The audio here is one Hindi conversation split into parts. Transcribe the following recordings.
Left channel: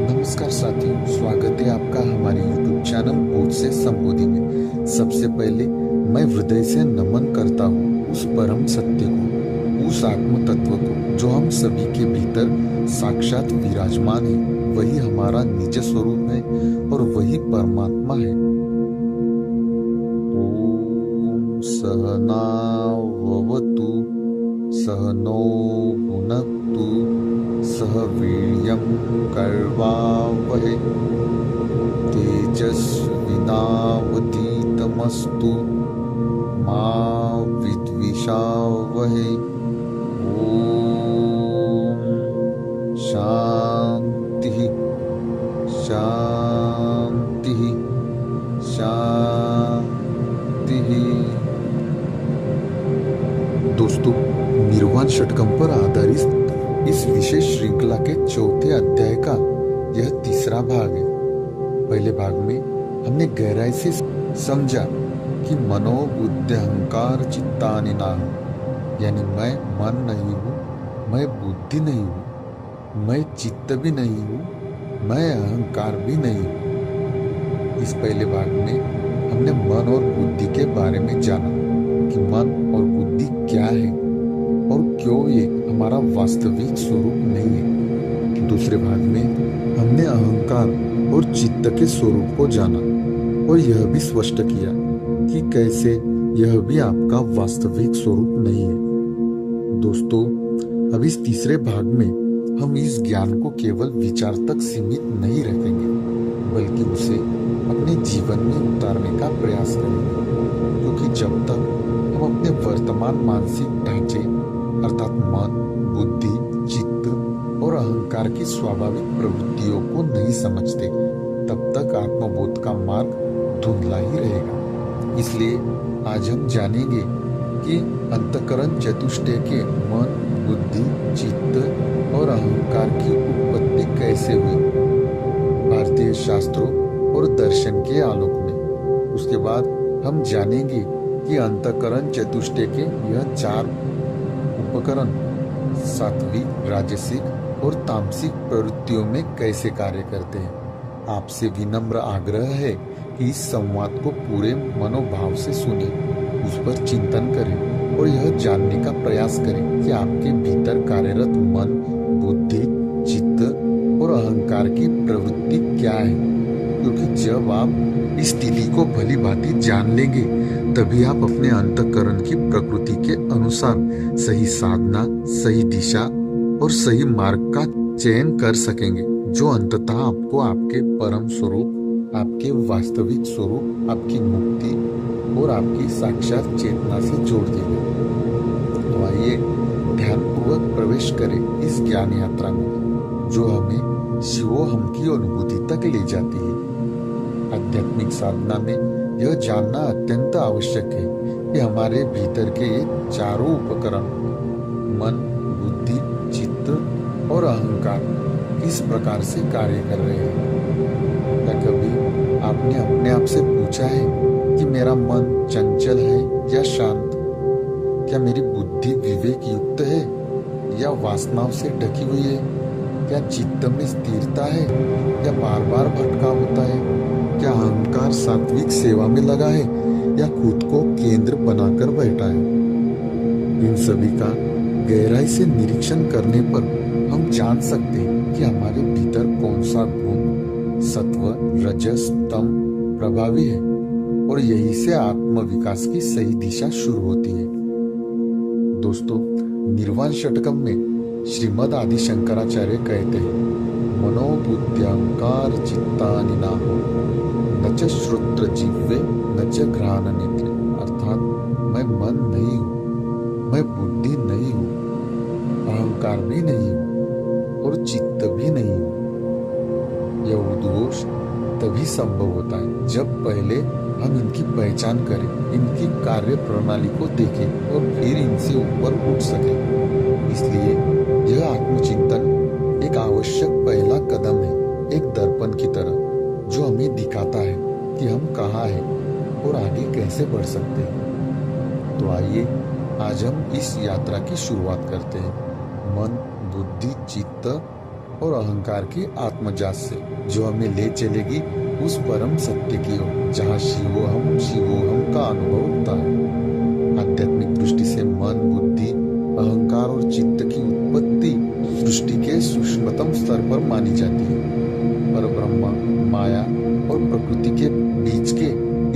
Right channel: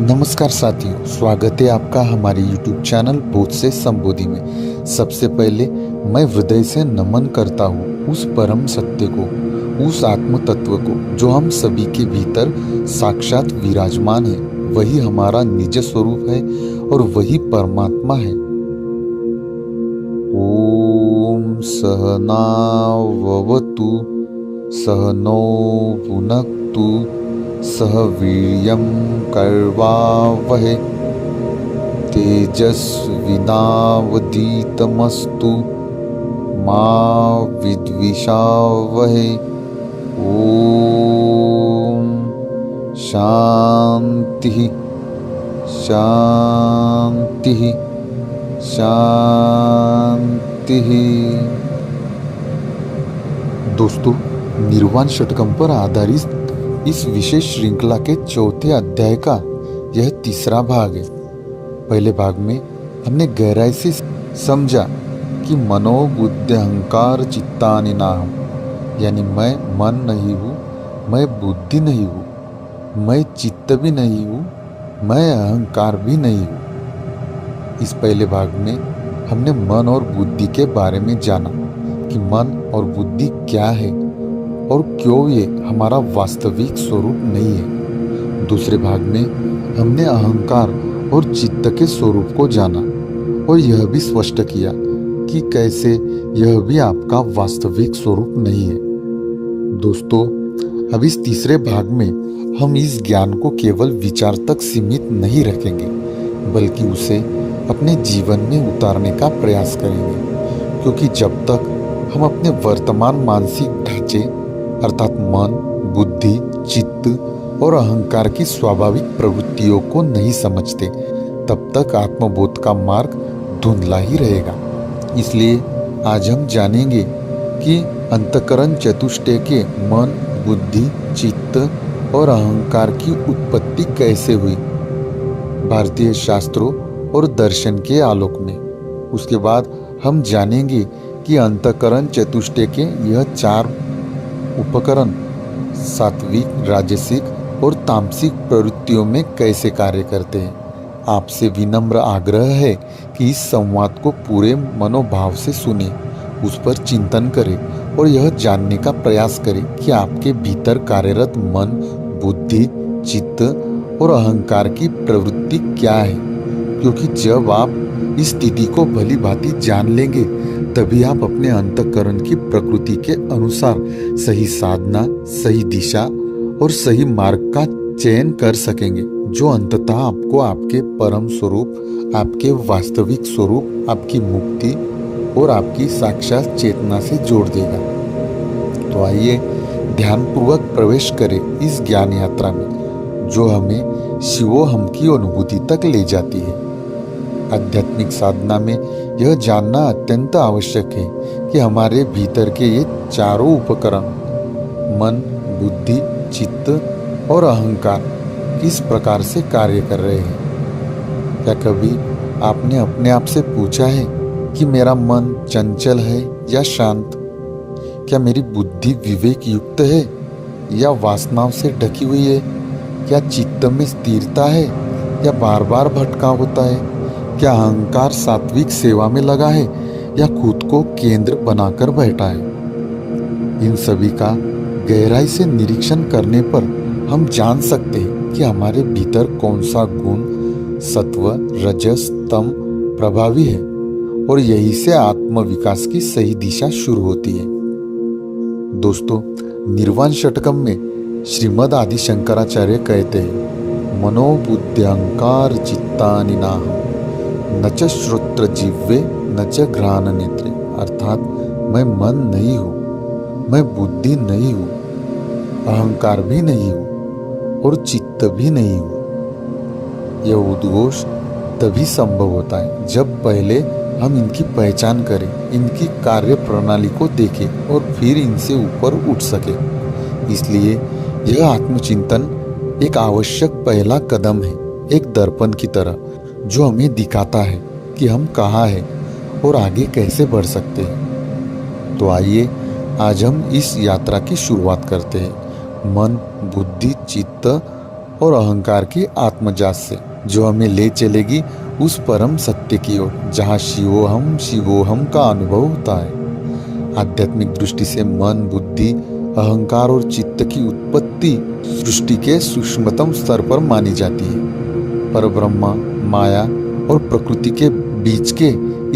नमस्कार साथियों, स्वागत है आपका हमारे YouTube चैनल बोध से संबोधि में। सबसे पहले मैं हृदय से नमन करता हूँ उस परम सत्य को, उस आत्म तत्व को जो हम सभी के भीतर साक्षात विराजमान है। वही हमारा निज स्वरूप है और वही परमात्मा है। ओम सहनाववतु सहनो भुनक्तु सह वीर्यं कर्वावहै तेजस्विनावधीतमस्तु मा विद्विषावहै। ओम शांति शांति शांति। दोस्तों, निर्वाण षटकम पर आधारित इस विशेष श्रृंखला के चौथे अध्याय का यह तीसरा भाग है। पहले भाग में हमने गहराई से समझा कि मनो बुद्धि अहंकार चित्तानि नाहम्, यानी मैं मन नहीं हूँ, मैं बुद्धि नहीं हूँ, मैं चित्त भी नहीं हूँ, मैं अहंकार भी नहीं हूँ। इस पहले भाग में हमने मन और बुद्धि के बारे में जाना कि मन और बुद्धि क्या है और क्यों ये हमारा वास्तविक स्वरूप नहीं है। दूसरे भाग में हमने अहंकार और चित्त के स्वरूप को जाना और यह भी स्पष्ट किया कि कैसे यह भी आपका वास्तविक स्वरूप नहीं है। दोस्तों, अब इस तीसरे भाग में हम इस ज्ञान को केवल विचार तक सीमित नहीं रखेंगे, बल्कि उसे अपने जीवन में उतारने का प्रयास करेंगे, क्योंकि जब तक हम अपने वर्तमान मानसिक ढांचे अर्थात मन, बुद्धि, चित्त और अहंकार की स्वाभाविक प्रवृत्तियों को नहीं समझते, तब तक आत्मबोध का मार्ग धुंधला ही रहेगा। इसलिए आज हम जानेंगे कि अंतःकरण चतुष्टय के मन, बुद्धि, चित्त और अहंकार की उत्पत्ति कैसे हुई भारतीय शास्त्रों और दर्शन के आलोक में। उसके बाद हम जानेंगे कि अंतःकरण चतुष्टय के यह चार उपकरण सात्विक, राजसिक और तामसिक प्रवृत्तियों में कैसे कार्य करते हैं। आपसे विनम्र आग्रह है कि इस संवाद को पूरे मनोभाव से सुने, उस पर चिंतन करें और यह जानने का प्रयास करें कि आपके भीतर कार्यरत मन, बुद्धि, चित्त और अहंकार की प्रवृत्ति क्या है। क्योंकि जब आप इस स्थिति को भली भांति जान लेंगे, तभी आप अपने अंतःकरण की प्रकृति के अनुसार सही साधना, सही दिशा और सही मार्ग का चयन कर सकेंगे, जो अंततः आपको आपके परम स्वरूप, आपके वास्तविक स्वरूप, आपकी मुक्ति और आपकी साक्षात चेतना से जोड़ देगा। तो आइए ध्यानपूर्वक प्रवेश करें इस ज्ञान यात्रा में, जो हमें शिवोहम की अनुभूति तक ले जाती है। आध्यात्मिक साधना में यह जानना अत्यंत आवश्यक है कि हमारे भीतर के ये चारों उपकरण मन, बुद्धि, चित्त और अहंकार किस प्रकार से कार्य कर रहे हैं। क्या कभी आपने अपने आप से पूछा है कि मेरा मन चंचल है या शांत? क्या मेरी बुद्धि विवेक युक्त है या वासनाओं से ढकी हुई है? क्या चित्त में स्थिरता है या बार बार भटकाव होता है? क्या अहंकार सात्विक सेवा में लगा है या खुद को केंद्र बनाकर बैठा है? इन सभी का गहराई से निरीक्षण करने पर हम जान सकते हैं कि हमारे भीतर कौन सा गुण सत्व, रजस, तम प्रभावी है और यही से आत्म विकास की सही दिशा शुरू होती है। दोस्तों, निर्वाण षटकम में श्रीमद् आदि शंकराचार्य कहते हैं, मनोबुद्धि अहंकार चित्तानि नाहम् न च श्रोत्र जिह्वे न च घ्राण नेत्रे। अर्थात मैं मन नहीं हूँ, मैं बुद्धि नहीं हूँ, अहंकार भी नहीं हूँ और चित्त भी नहीं हूँ। यह उद्घोष तभी संभव होता है जब पहले हम इनकी पहचान करें, इनकी कार्य प्रणाली को देखें और फिर इनसे ऊपर उठ सकें। इसलिए यह आत्मचिंतन एक आवश्यक पहला कदम है, एक दर्पण की तरह, जो हमें दिखाता है कि हम कहाँ हैं और आगे कैसे बढ़ सकते हैं। तो आइए आज हम इस यात्रा की शुरुआत करते हैं। मन, बुद्धि, चित्त और अहंकार के आत्मजात से, जो हमें ले चलेगी उस परम सत्य की ओर जहाँ शिवोहम का अनुभव होता है। आध्यात्मिक दृष्टि से मन, बुद्धि, अहंकार और चित्त की उत्पत्ति सृष्टि के सूक्ष्मतम स्तर पर मानी जाती है। परब्रह्म, माया और प्रकृति के बीच के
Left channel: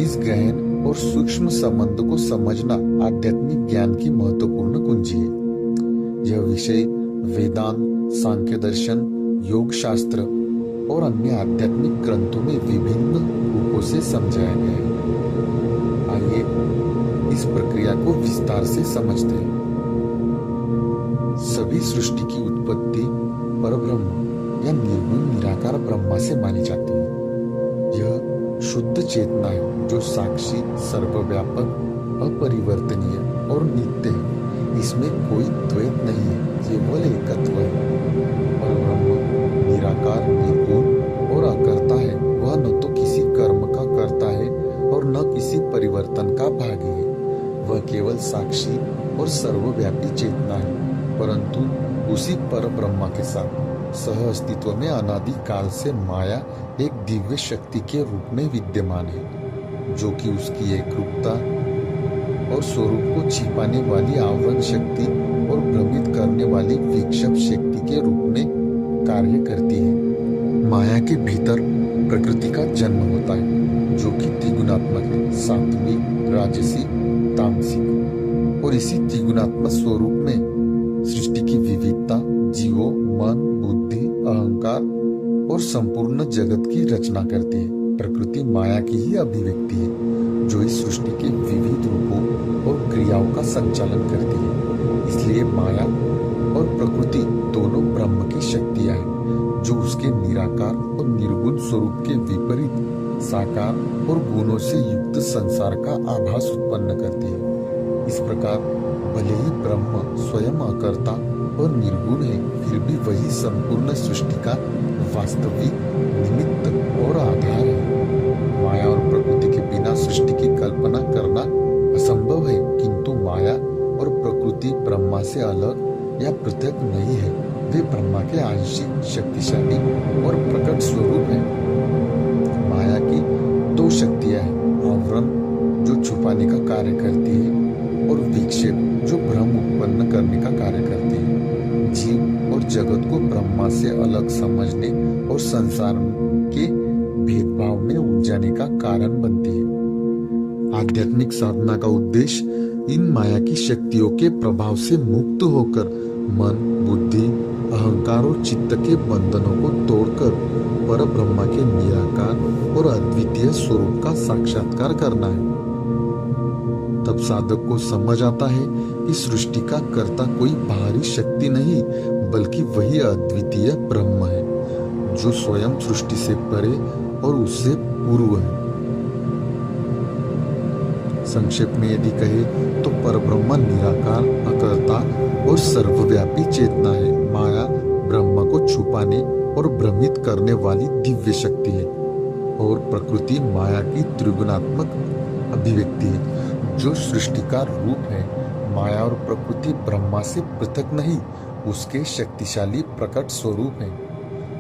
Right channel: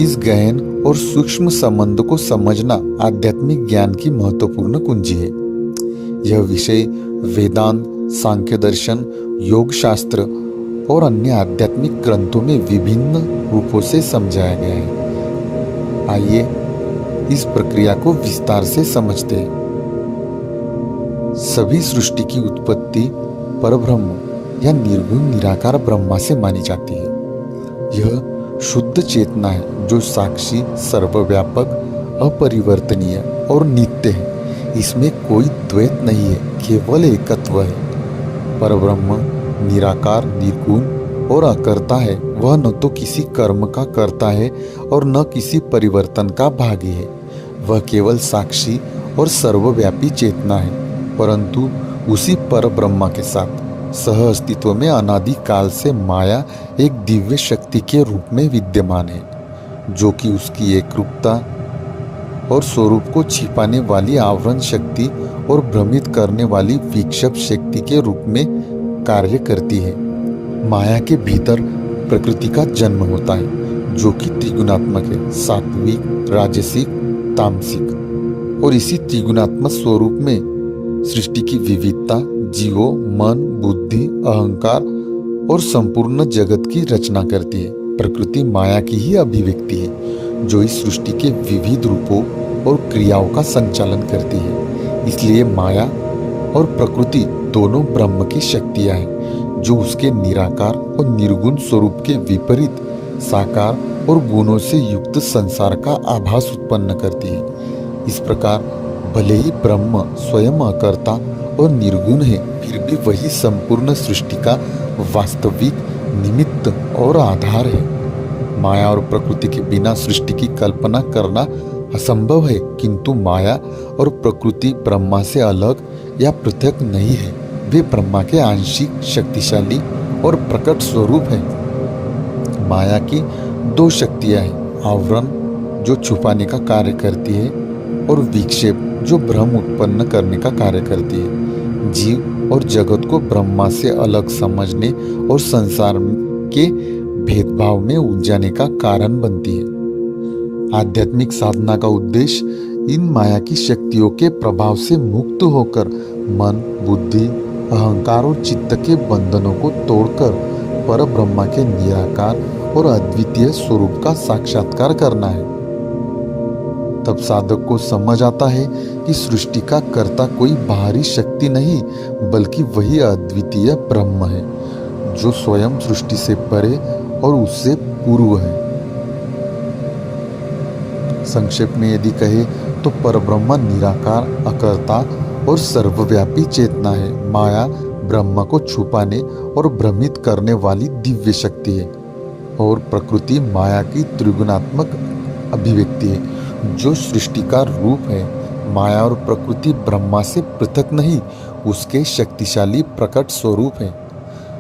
इस गहन और सूक्ष्म संबंध को समझना आध्यात्मिक ज्ञान की महत्वपूर्ण कुंजी है। यह विषय वेदांत, सांख्य दर्शन, योग शास्त्र और अन्य आध्यात्मिक ग्रंथों में विभिन्न रूपों से समझाया गया है। आइए इस प्रक्रिया को विस्तार से समझते हैं। सभी सृष्टि की उत्पत्ति परब्रह्म या निर्गुण निराकार ब्रह्मा से मानी जाती है। यह शुद्ध चेतना है जो साक्षी, सर्वव्यापक, अपरिवर्तनीय और नित्य है। इसमें कोई द्वैत नहीं है, केवल एकत्व है। परब्रह्म निराकार, निर्गुण और अकर्ता है। वह न तो किसी कर्म का कर्ता है और न किसी परिवर्तन का भागी है। वह केवल साक्षी और सर्वव्यापी चेतना है, परंतु उसी परब्रह्म के साथ सह अस्तित्व में अनादि काल से माया एक दिव्य शक्ति के रूप में विद्यमान है, जो कि उसकी एकरूपता और स्वरूप को छिपाने वाली आवरण शक्ति और भ्रमित करने वाली विक्षेप शक्ति के रूप में कार्य करती है। माया के भीतर प्रकृति का जन्म होता है, जो कि त्रिगुणात्मक है, सात्विक, राजसिक, तामसिक। और इसी त्रिगुणात्मक स्वरूप में सृष्टि की विविधता जीवों, मन, बुद्धि, अहंकार और संपूर्ण जगत की रचना करती है। प्रकृति माया की ही अभिव्यक्ति है, जो इस सृष्टि के विविध रूपों और क्रियाओं का संचालन करती है। इसलिए माया और प्रकृति दोनों ब्रह्म की शक्तियां हैं, जो उसके निराकार और निर्गुण स्वरूप के विपरीत साकार और गुणों से युक्त संसार का आभास उत्पन्न करती है। इस प्रकार भले ही ब्रह्म स्वयं अकर्ता और निर्गुण है, फिर भी वही संपूर्ण सृष्टि का वास्तविक निमित्त और आधार है। माया और प्रकृति के बिना सृष्टि की कल्पना करना असंभव है, किंतु माया और प्रकृति ब्रह्मा से अलग या पृथक नहीं है। वे ब्रह्मा के आंशिक, शक्तिशाली और प्रकट स्वरूप हैं। माया की दो शक्तियां हैं, आवरण जो छुपाने का कार्य करती है और विक्षेप जो भ्रम उत्पन्न करने का कार्य करती है। जीव और जगत को ब्रह्मा से अलग समझने और संसार के भेदभाव में उलझाने का कारण बनती है। आध्यात्मिक साधना का उद्देश्य इन माया की शक्तियों के प्रभाव से मुक्त होकर मन, बुद्धि, अहंकार और चित्त के बंधनों को तोड़कर परब्रह्म के निराकार और अद्वितीय स्वरूप का साक्षात्कार करना है। तब साधक को समझ आता है कि सृष्टि का कर्ता कोई बाहरी शक्ति नहीं, बल्कि वही अद्वितीय ब्रह्म है, जो स्वयं सृष्टि से परे और उससे पूर्व है। संक्षेप में यदि कहे तो परब्रह्म निराकार, अकर्ता और सर्वव्यापी चेतना है। माया ब्रह्म को छुपाने और भ्रमित करने वाली दिव्य शक्ति है, और प्रकृति माया की त्रिगुणात्मक अभिव्यक्ति है, जो सृष्टि का रूप है। माया और प्रकृति ब्रह्मा से पृथक नहीं, उसके शक्तिशाली प्रकट स्वरूप है।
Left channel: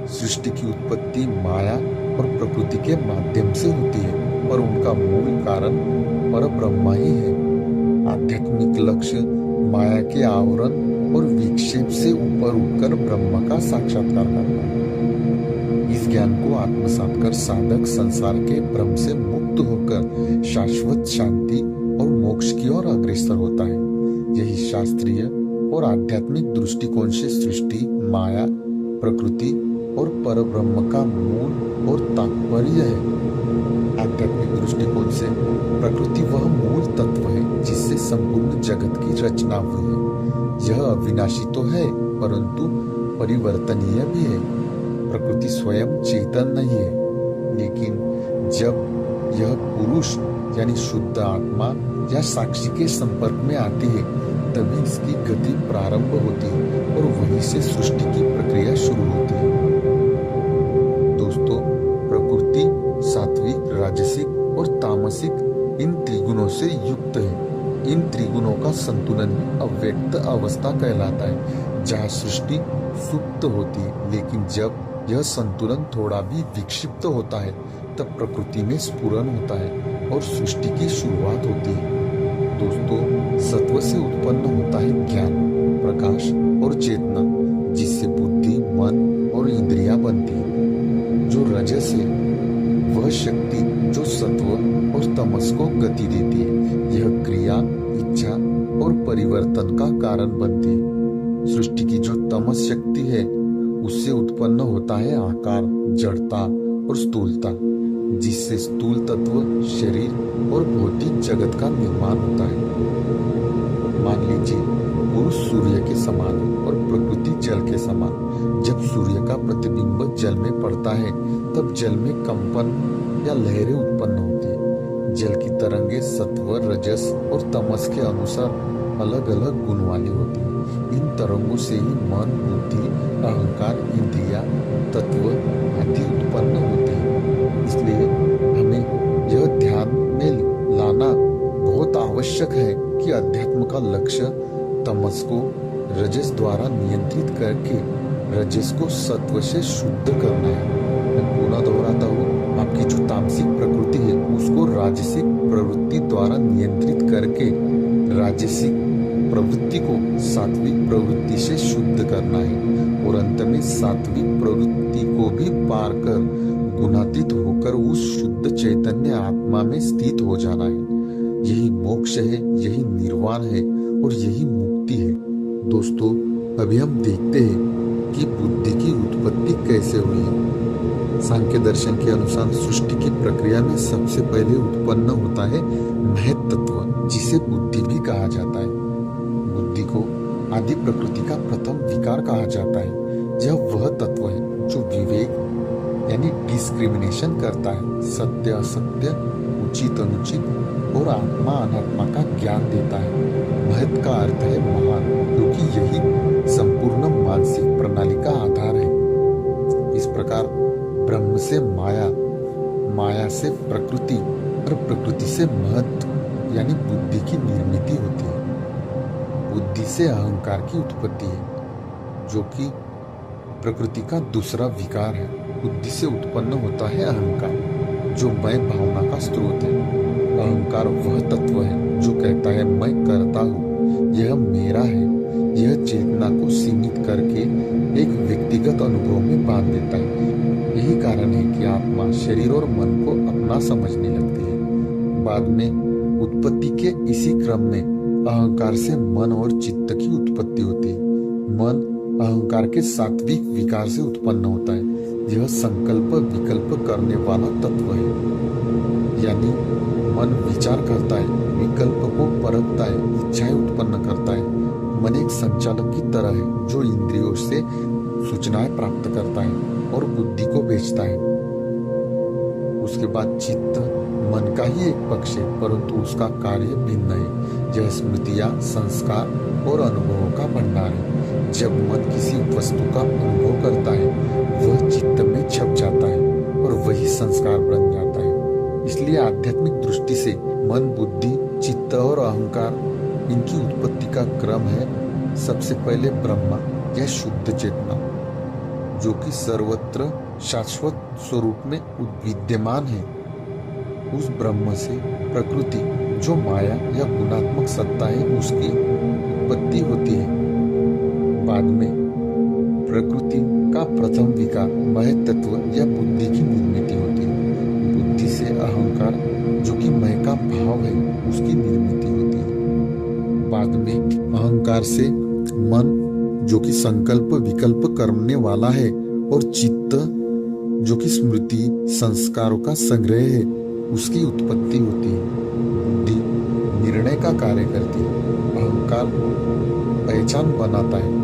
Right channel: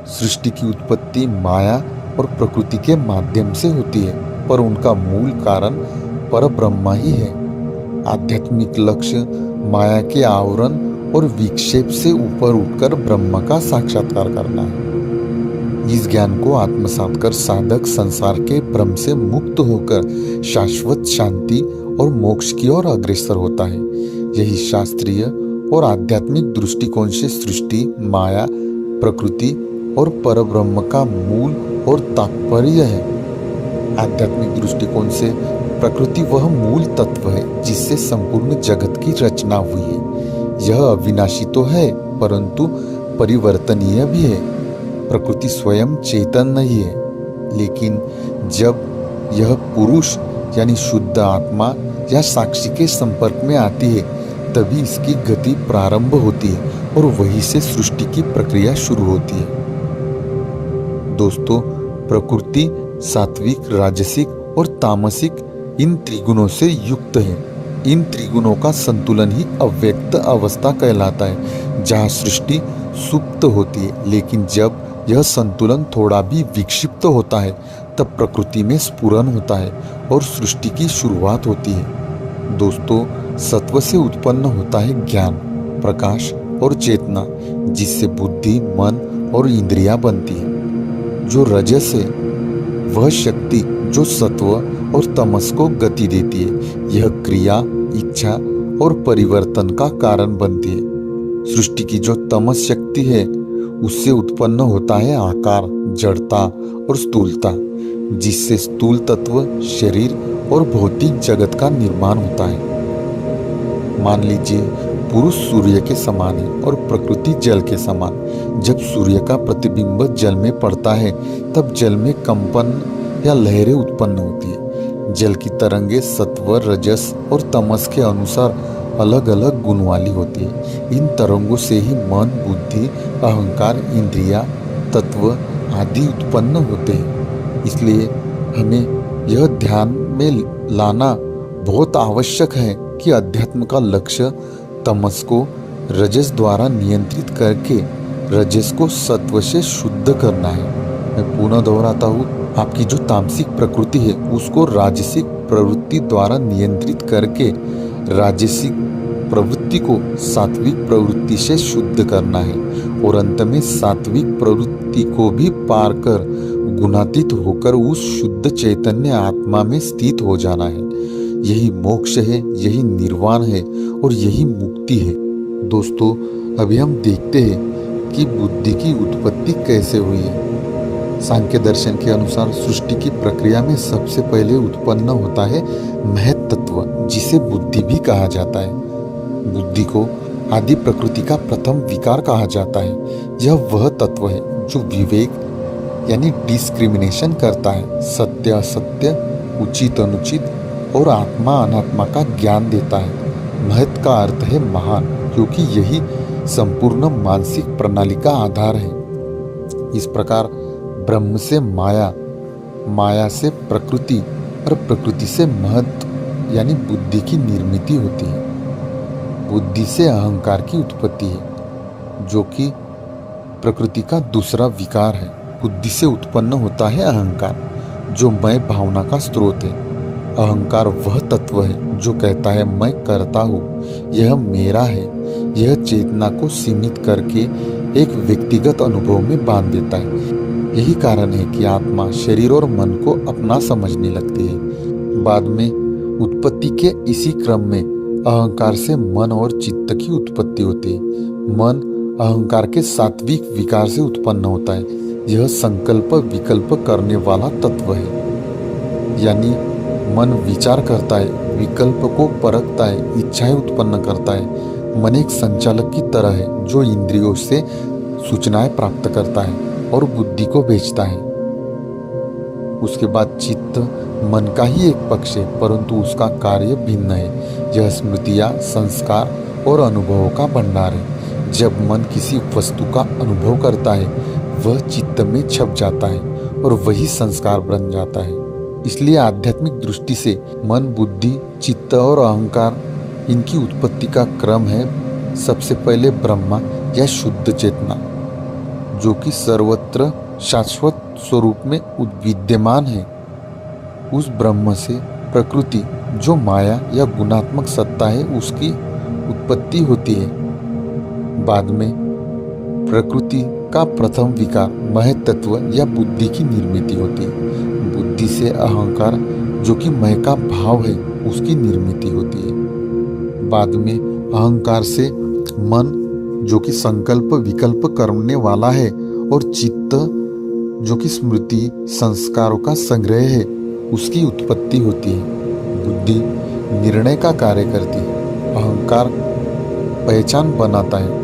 सृष्टि की उत्पत्ति माया और प्रकृति के माध्यम से होती है, पर उनका मूल कारण परब्रह्म ही है। आध्यात्मिक लक्ष्य माया के आवरण और विक्षेप से ऊपर उठकर ब्रह्म का साक्षात्कार करना है। इस ज्ञान को आत्मसात कर साधक संसार के भ्रम से मुक्त होकर शाश्वत शांति और मोक्ष की ओर अग्रसर होता है। यही शास्त्रीय और आध्यात्मिक दृष्टिकोण से सृष्टि, माया, प्रकृति और परब्रह्म का मूल और तात्पर्य है। आध्यात्मिक दृष्टिकोण से प्रकृति वह मूल तत्व है जिससे संपूर्ण जगत की रचना हुई है। यह अविनाशी तो है, परंतु परिवर्तनीय भी है। प्रकृति स्वयं चेतन नहीं है, लेकिन जब यह पुरुष यानी शुद्ध आत्मा या साक्षी के संपर्क में आती है, तभी इसकी गति प्रारंभ होती है और वहीं से सृष्टि की प्रक्रिया शुरू होती है। दोस्तों, प्रकृति सात्विक, राजसिक और तामसिक इन त्रिगुणों से युक्त है। इन त्रिगुणों का संतुलन ही अव्यक्त अवस्था कहलाता है, जहाँ सृष्टि सुप्त होती है, लेकिन जब यह संतुलन थोड़ा भी विक्षिप्त होता है तब प्रकृति में स्फुरन होता है और सृष्टि की शुरुआत होती है। दोस्तों, सत्व से उत्पन्न होता है ज्ञान, प्रकाश और चेतना, जिससे बुद्धि, मन और इंद्रियां बनती है। जो रजस है वह शक्ति जो सत्व और तमस को गति देती है। यह क्रिया, इच्छा और परिवर्तन का कारण बनती है। सृष्टि की जो तमस शक्ति है उससे उत्पन्न होता है आकार, जड़ता और स्थूलता, जिससे स्थूल तत्व, शरीर और भौतिक जगत का निर्माण होता है। मान लीजिए पुरुष सूर्य के समान है और प्रकृति जल के समान। जब सूर्य का प्रतिबिंब जल में पड़ता है तब जल में कंपन या लहरें उत्पन्न होती है। जल की तरंगे सत्व, रजस और तमस के अनुसार अलग अलग गुण वाली होती है। इन तरंगों से ही मन, बुद्धि, अहंकार, इंद्रिया, तत्व आदि उत्पन्न होते हैं। इसलिए हमें यह ध्यान में लाना बहुत आवश्यक है कि अध्यात्म का लक्ष्य तमस को रजस द्वारा नियंत्रित करके रजस को सत्व से शुद्ध करना है। मैं पुनः दोहराता हूँ, आपकी जो तामसिक प्रकृति है उसको राजसिक प्रवृत्ति द्वारा नियंत्रित करके राजसिक प्रवृत्ति को सात्विक प्रवृत्ति से शुद्ध करना है और अंत में सात्विक प्रवृत्ति को भी पार कर गुणातीत होकर उस शुद्ध चैतन्य आत्मा में स्थित हो जाना है। यही मोक्ष है, यही निर्वाण है और यही मुक्ति है। दोस्तों, अभी हम देखते हैं कि बुद्धि की उत्पत्ति कैसे हुई है। सांख्य दर्शन के अनुसार सृष्टि की प्रक्रिया में सबसे पहले उत्पन्न होता है महत तत्व, जिसे बुद्धि भी कहा जाता है। बुद्धि को आदि प्रकृति का प्रथम विकार कहा जाता है। यह वह तत्व है जो विवेक यानी डिस्क्रिमिनेशन करता है, सत्य असत्य, उचित अनुचित और आत्मा अनात्मा का ज्ञान देता है। महत का अर्थ है महान, क्योंकि यही संपूर्ण मानसिक प्रणाली का आधार है। इस प्रकार ब्रह्म से माया, माया से प्रकृति और प्रकृति से महत यानी बुद्धि की निर्मिति होती है। बुद्धि से अहंकार की उत्पत्ति है, जो कि प्रकृति का दूसरा विकार है। बुद्धि से उत्पन्न होता है अहंकार, जो मैं भावना का स्रोत है। अहंकार वह तत्व है जो कहता है मैं करता हूँ, यह मेरा है। यह चेतना को सीमित करके एक व्यक्तिगत अनुभव में बांध देता है। यही कारण है कि आत्मा शरीर और मन को अपना समझने लगती है। बाद में उत्पत्ति के इसी क्रम में अहंकार से मन और चित्त की उत्पत्ति होती है। मन अहंकार के सात्विक विकार से उत्पन्न होता है। यह संकल्प विकल्प करने वाला तत्व है, यानी मन विचार करता है, विकल्प को परखता है, इच्छाएं उत्पन्न करता है। मन एक संचालक की तरह है जो इंद्रियों से सूचनाएं प्राप्त करता है और बुद्धि को भेजता है। उसके बाद चित्त मन का ही एक पक्ष है, परंतु उसका कार्य भिन्न है। यह स्मृतियां, संस्कार और अनुभवों का भंडार है। जब मन किसी वस्तु का अनुभव करता है वह चित्त में छप जाता है और वही संस्कार बन जाता है। इसलिए आध्यात्मिक दृष्टि से मन, बुद्धि, चित्त और अहंकार, इनकी उत्पत्ति का क्रम है सबसे पहले ब्रह्मा या शुद्ध चेतना, जो कि सर्वत्र शाश्वत स्वरूप में विद्यमान है। उस ब्रह्म से प्रकृति, जो माया या गुणात्मक सत्ता है, उसकी उत्पत्ति होती है। बाद में प्रकृति का प्रथम विकार महत तत्व या बुद्धि की निर्मिति होती है। बुद्धि से अहंकार, जो कि मैं का भाव है, उसकी निर्मिति होती है। बाद में अहंकार से मन, जो कि संकल्प विकल्प करने वाला है, और चित्त, जो कि स्मृति संस्कारों का संग्रह है, उसकी उत्पत्ति होती है। बुद्धि निर्णय का कार्य करती है, अहंकार पहचान बनाता है,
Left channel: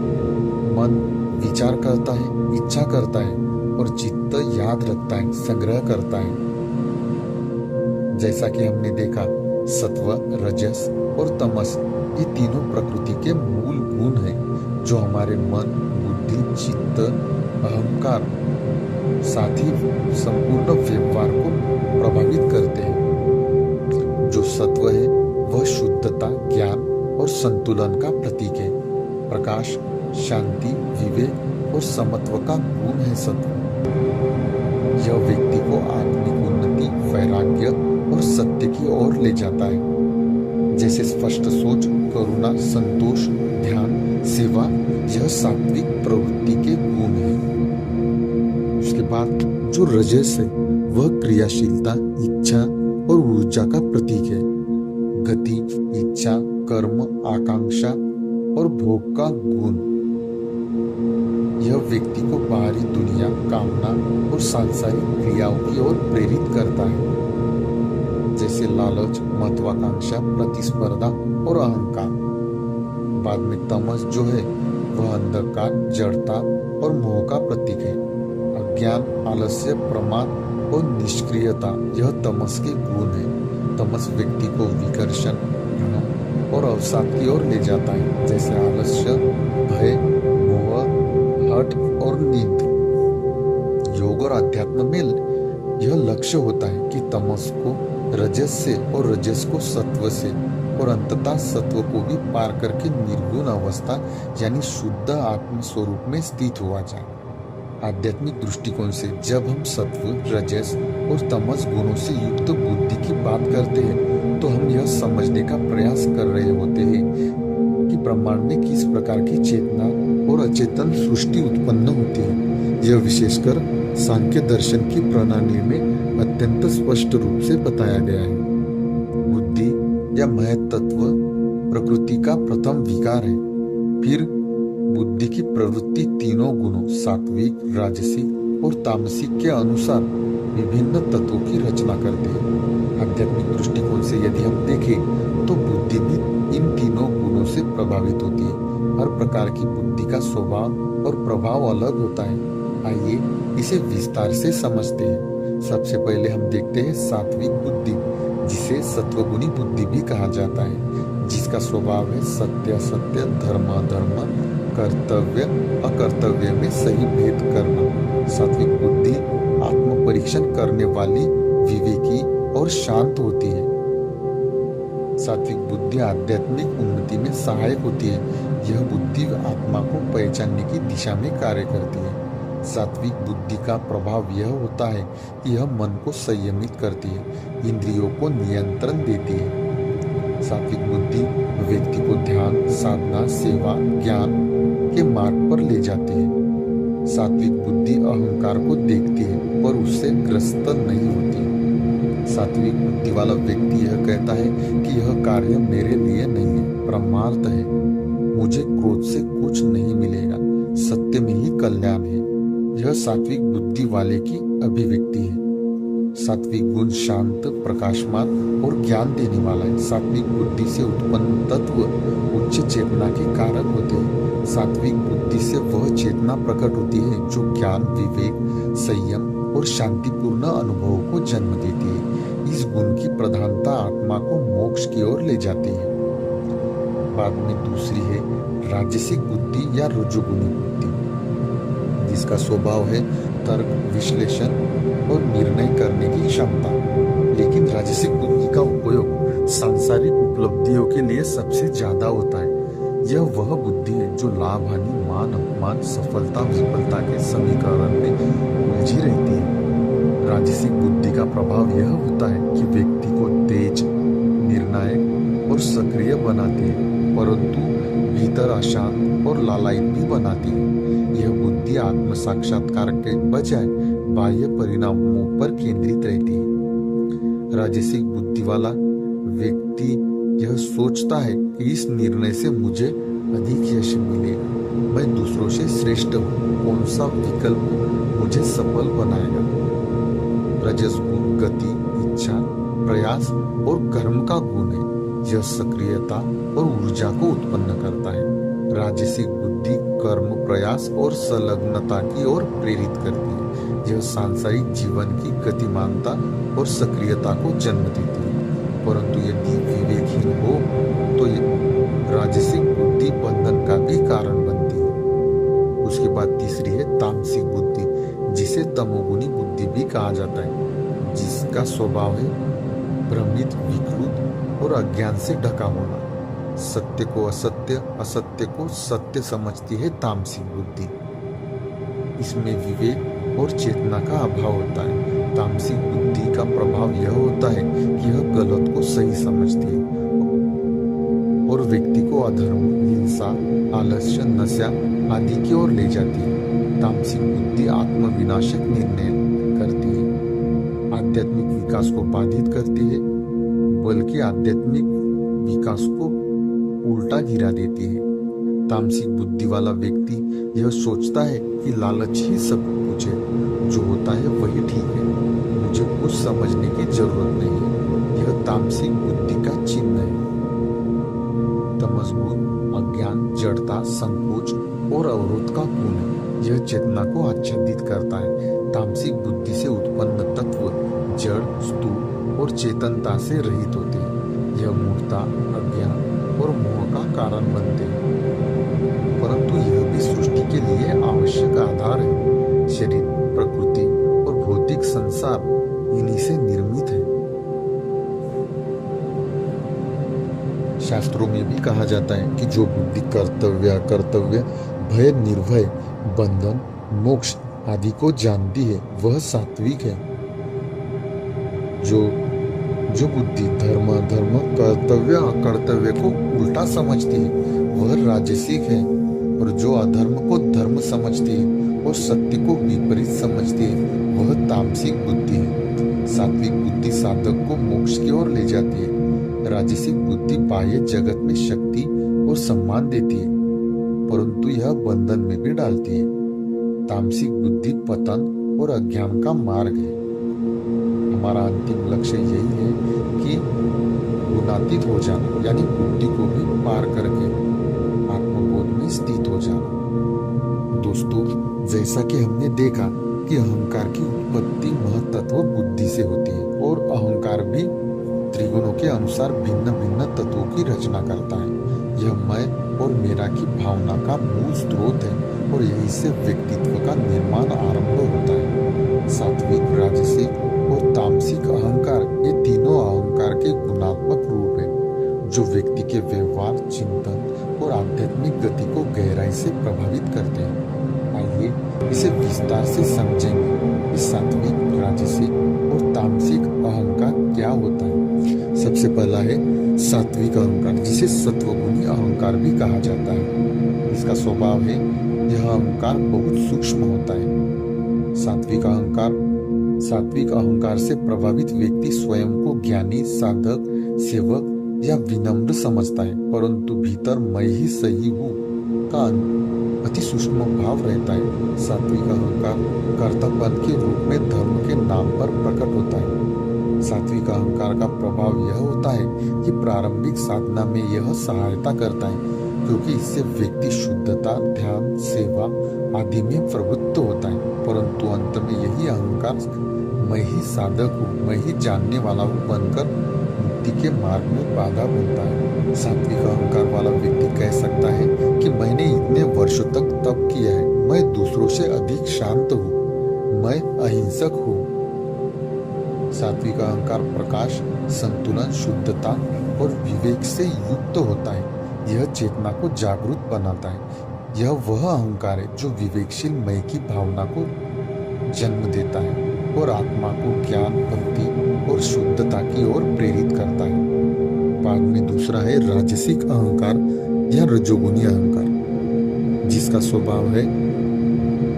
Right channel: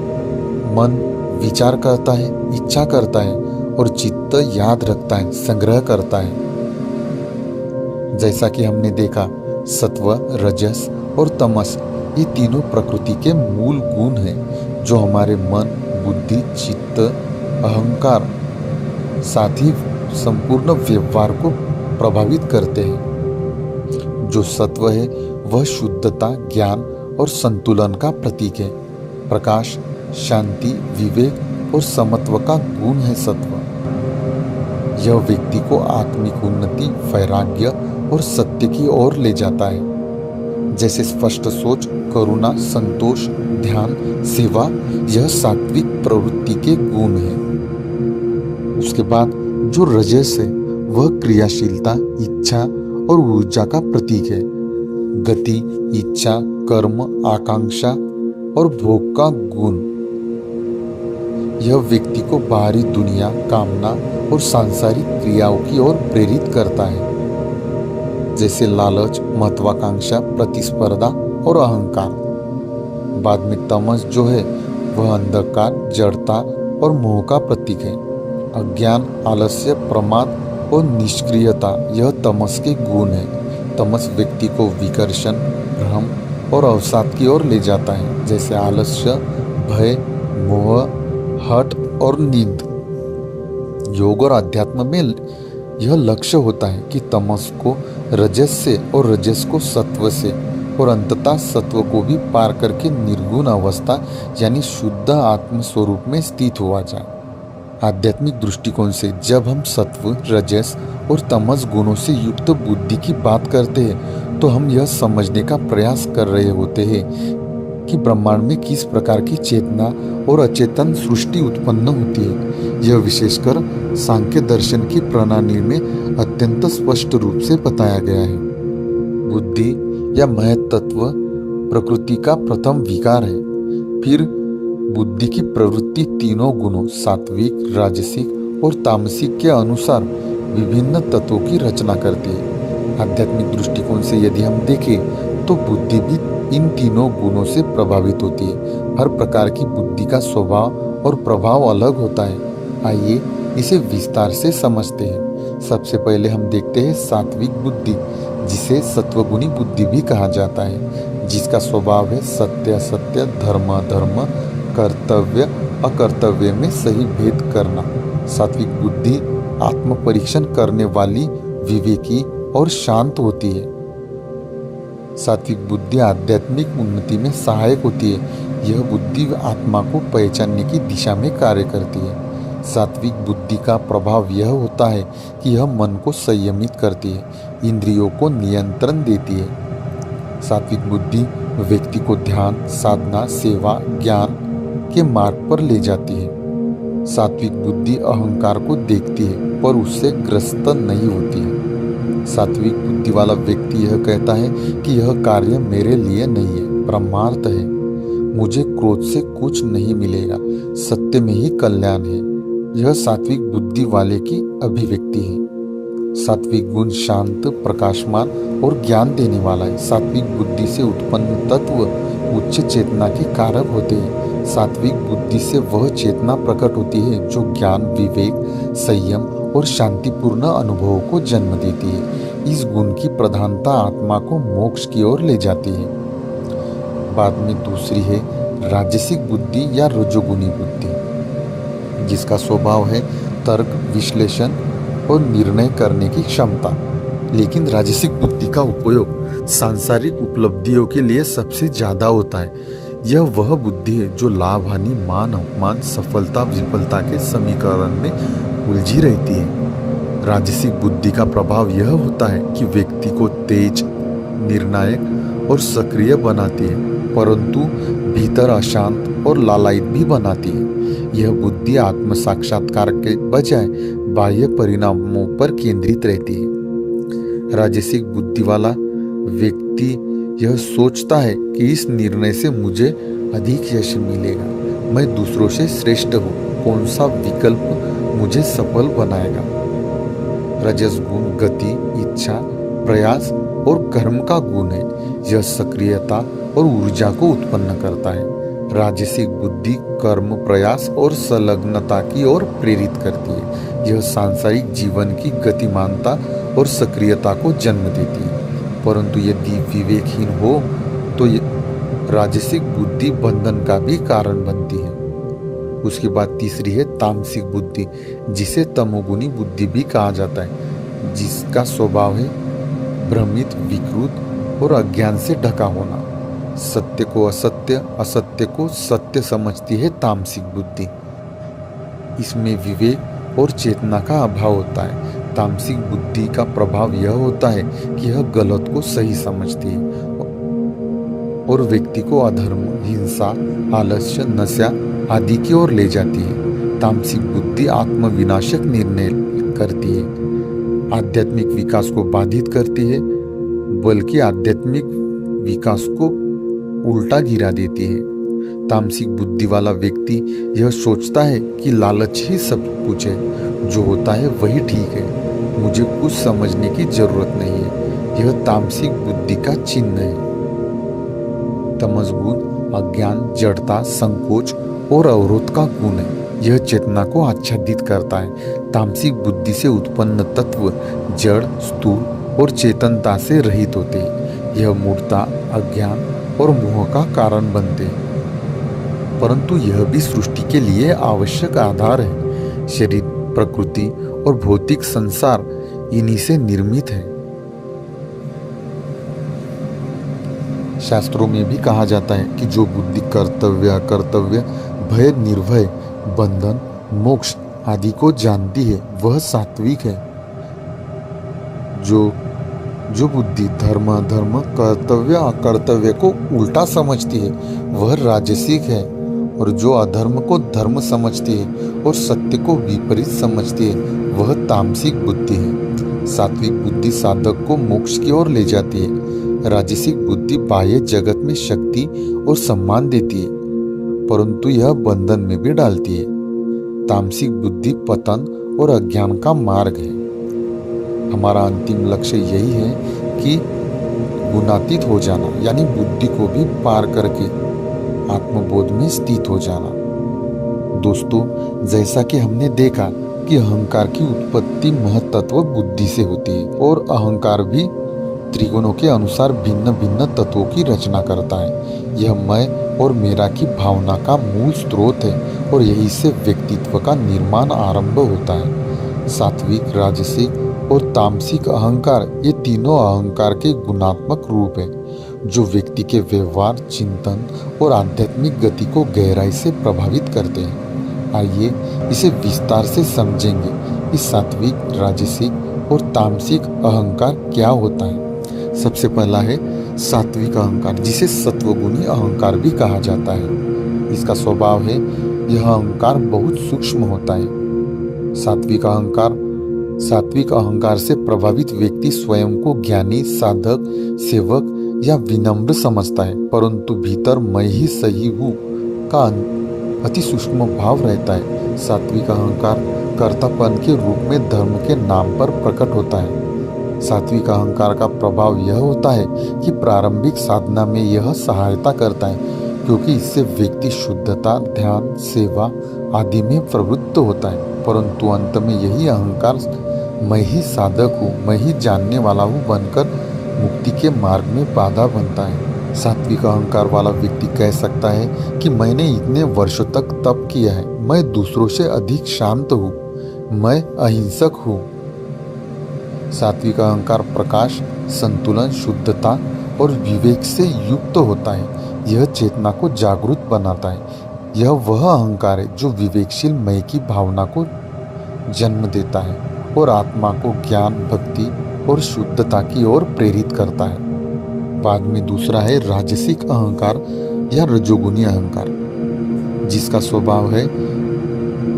मन विचार करता है, इच्छा करता है और चित्त याद रखता है, संग्रह करता है। जैसा कि हमने देखा, सत्व, रजस और तमस ये तीनों प्रकृति के मूल गुण हैं जो हमारे मन, बुद्धि, चित्त, अहंकार साथ ही संपूर्ण व्यवहार को प्रभावित करते हैं। जो सत्व है वह शुद्धता, ज्ञान और संतुलन का प्रतीक है। प्रकाश, शांति, विवेक और समत्व का गुण है सत्व। यह व्यक्ति को आत्मिक उन्नति, वैराग्य और सत्य की ओर ले जाता है। जैसे स्पष्ट सोच, करुणा, संतोष, ध्यान, सेवा, यह सात्विक प्रवृत्ति के गुण हैं। उसके बाद जो रजस है वह क्रियाशीलता, इच्छा और ऊर्जा का प्रतीक है। गति, इच्छा, कर्म, आकांक्षा और भोग का गुण। यह व्यक्ति को बाहरी दुनिया, कामना और सांसारिक क्रियाओं की ओर प्रेरित करता है, जैसे लालच, महत्वाकांक्षा, प्रतिस्पर्धा और अहंकार। बाद में तमस जो है वह अंधकार, जड़ता और मोह का प्रतीक है। अज्ञान, आलस्य, प्रमाद और निष्क्रियता यह तमस के गुण है। तमस व्यक्ति को विकर्षण, भ्रम और अवसाद की ओर ले जाता है, जैसे आलस्य, भय, मोह, हठ और नींद। योग और अध्यात्म में यह लक्ष्य होता है कि तमस को रजस से और रजस को सत्व से और अंततः सत्व को भी पार करके निर्गुण अवस्था यानी शुद्ध आत्म स्वरूप में स्थित हुआ जाए। आध्यात्मिक दृष्टिकोण से जब हम सत्व, रजस और तमस गुणों से युक्त बुद्धि की बात करते हैं तो हम यह समझने का प्रयास कर रहे होते हैं कि ब्रह्मांड में किस प्रकार की चेतना और अचेतन सृष्टि उत्पन्न होती है। यह विशेषकर सांख्य दर्शन की प्रणाली में अत्यंत स्पष्ट रूप से बताया गया है। बुद्धि या महत तत्व प्रकृति का प्रथम विकार है। फिर बुद्धि की प्रवृत्ति तीनों गुणों सात्विक, राजसिक और तामसिक के अनुसार विभिन्न तत्वों की रचना करती है। आध्यात्मिक दृष्टिकोण से यदि हम देखें तो बुद्धि भी इन तीनों गुणों से प्रभावित होती है। हर प्रकार की बुद्धि का स्वभाव और प्रभाव अलग होता है। आइए इसे विस्तार से समझते हैं। सबसे पहले हम देखते हैं सात्विक बुद्धि, जिसे सत्वगुणी बुद्धि भी कहा जाता है, जिसका स्वभाव है सत्य असत्य, धर्म अधर्म, कर्तव्य अकर्तव्य में सही भेद करना। सात्विक बुद्धि आत्म परीक्षण करने वाली, विवेकी और शांत होती है। सात्विक बुद्धि आध्यात्मिक उन्नति में सहायक होती है। यह बुद्धि आत्मा को पहचानने की दिशा में कार्य करती है। सात्विक बुद्धि का प्रभाव यह होता है कि यह मन को संयमित करती है, इंद्रियों को नियंत्रण देती है। सात्विक बुद्धि व्यक्ति को ध्यान, साधना, सेवा, ज्ञान के मार्ग पर ले जाती है। सात्विक बुद्धि अहंकार को देखती है पर उससे ग्रस्त नहीं होती है। सात्विक बुद्धि वाला व्यक्ति यह कहता है कि यह कार्य मेरे लिए नहीं है, परमार्थ है, मुझे क्रोध से कुछ नहीं मिलेगा, सत्य में ही कल्याण है। यह सात्विक बुद्धि वाले की अभिव्यक्ति है। सात्विक गुण शांत, प्रकाशमान और ज्ञान देने वाला है। सात्विक बुद्धि से उत्पन्न तत्व उच्च चेतना के कारक होते हैं। सात्विक बुद्धि से वह चेतना प्रकट होती है जो ज्ञान, विवेक, संयम और शांतिपूर्ण अनुभवों को जन्म देती है। इस गुण की प्रधानता आत्मा को मोक्ष की ओर ले जाती है। बाद में दूसरी है राजसिक बुद्धि या रजोगुणी बुद्धि, जिसका स्वभाव है तर्क, विश्लेषण और निर्णय करने की क्षमता। लेकिन राजसिक बुद्धि का उपयोग सांसारिक उपलब्धियों के लिए सबसे ज्यादा होता है। यह वह बुद्धि है जो लाभ, हानि, मान, अपमान, सफलता, विफलता के समीकरण में उलझी रहती है। राजसिक बुद्धि का प्रभाव यह होता है कि व्यक्ति को तेज, निर्णायक और सक्रिय बनाती है, परंतु भीतर अशांत और लालायित भी बनाती है। यह बुद्धि आत्म साक्षात्कार के बजाय बाह्य परिणामों पर केंद्रित रहती है। राजसिक बुद्धि वाला व्यक्ति यह सोचता है कि इस निर्णय से मुझे अधिक यश मिलेगा, मैं दूसरों से श्रेष्ठ हूँ, कौन सा विकल्प मुझे सफल बनाएगा। रजस गुण गति, इच्छा, प्रयास और कर्म का गुण है। यह सक्रियता और ऊर्जा को उत्पन्न करता है। राजसिक बुद्धि कर्म, प्रयास और संलग्नता की ओर प्रेरित करती है। यह सांसारिक जीवन की गतिमानता और सक्रियता को जन्म देती है। परंतु यदि विवेकहीन हो तो राजसिक बुद्धि बंधन का भी कारण बनती है। उसके बाद तीसरी है तामसिक बुद्धि, जिसे तमोगुणी बुद्धि भी कहा जाता है, जिसका स्वभाव है भ्रमित, विकृत और अज्ञान से ढका होना। सत्य को असत्य, असत्य को सत्य समझती है तामसिक बुद्धि। इसमें विवेक और चेतना का अभाव होता है। तामसिक बुद्धि का प्रभाव यह होता है कि यह गलत को सही समझती है और व्यक्ति को अधर्म, हिंसा, आलस्य, नशा आदि की ओर ले जाती है। तामसिक बुद्धि आत्मविनाशक निर्णय करती है, आध्यात्मिक विकास को बाधित करती है, बल्कि आध्यात्मिक विकास को उल्टा गिरा देती है। तामसिक बुद्धि वाला व्यक्ति यह सोचता है कि लालच ही सब कुछ है, जो होता है वही ठीक है, मुझे कुछ समझने की जरूरत नहीं है। यह तामसिक बुद्धि का चिन्ह है। तमस गुण अज्ञान, जड़ता, संकोच और अवरोध का गुण है। यह चेतना को आच्छादित करता है। तामसिक बुद्धि से उत्पन्न तत्व जड़, स्थूल और चेतनता से रहित होते हैं। यह मूर्खता, अज्ञान और मोह का कारण बनते हैं, परंतु यह भी सृष्टि के लिए आवश्यक आधार है। शरीर, प्रकृति और भौतिक संसार इन्हीं से निर्मित है। शास्त्रों में भी कहा जाता है कि जो बुद्धि कर्तव्य, अकर्तव्य, भय, निर्भय, बंधन, मोक्ष आदि को जानती है वह सात्विक है। जो बुद्धि धर्म, अधर्म, कर्तव्य, अकर्तव्य को उल्टा समझती है वह राजसिक है, और जो अधर्म को धर्म समझती है और सत्य को विपरीत समझती है वह तामसिक बुद्धि है। सात्विक बुद्धि साधक को मोक्ष की ओर ले जाती है। राजसिक बुद्धि बाह्य जगत में शक्ति और सम्मान देती है, परंतु यह बंधन में भी डालती है। तामसिक बुद्धि पतन और अज्ञान का मार्ग है। हमारा अंतिम लक्ष्य यही है कि गुणातीत हो जाना, यानी बुद्धि को भी पार करके आत्मबोध में स्थित हो जाना। दोस्तों, जैसा कि हमने देखा कि अहंकार की उत्पत्ति महत्त्व बुद्धि से होती है, और अहंकार भी त्रिगुणों के अनुसार भिन्न भिन्न तत्वों की रचना करता है। यह मैं और मेरा की भावना का मूल स्रोत है, और यही से व्यक्तित्व का निर्माण आरंभ होता है। सात्विक, राजसिक और तामसिक अहंकार, ये तीनों अहंकार के गुणात्मक रूप हैं जो व्यक्ति के व्यवहार, चिंतन और आध्यात्मिक गति को गहराई से प्रभावित करते हैं। आइए इसे विस्तार से समझेंगे। इस सात्विक, राजसिक और तामसिक अहंकार क्या होता है। सबसे पहला है सात्विक अहंकार, जिसे सत्वगुणी अहंकार भी कहा जाता है। इसका स्वभाव है यह अहंकार बहुत सूक्ष्म होता है। सात्विक अहंकार से प्रभावित व्यक्ति स्वयं को ज्ञानी, साधक, सेवक या विनम्र समझता है, परंतु भीतर मैं ही सही हूँ का अति सूक्ष्म भाव रहता है। सात्विक अहंकार कर्तापन के रूप में धर्म के नाम पर प्रकट होता है। सात्विक अहंकार का प्रभाव यह होता है कि प्रारंभिक साधना में यह सहायता करता है, क्योंकि इससे व्यक्ति शुद्धता, ध्यान, सेवा आदि में प्रवृत्त होता है, परंतु अंत में यही अहंकार मैं ही साधक हूँ, मैं ही जानने वाला हूँ बनकर मुक्ति के मार्ग में बाधा बनता है। सात्विक अहंकार वाला व्यक्ति कह सकता है कि मैंने इतने वर्षों तक तप किया है, मैं दूसरों से अधिक शांत हूँ, मैं अहिंसक हूँ। सात्विक अहंकार प्रकाश, संतुलन, शुद्धता और विवेक से युक्त होता है। यह चेतना को जागरूक बनाता है। यह वह अहंकार है जो विवेकशील मैं की भावना को जन्म देता है और आत्मा को ज्ञान, भक्ति और शुद्धता की ओर प्रेरित करता है। बाद में दूसरा है राजसिक अहंकार या रजोगुणी अहंकार, जिसका स्वभाव है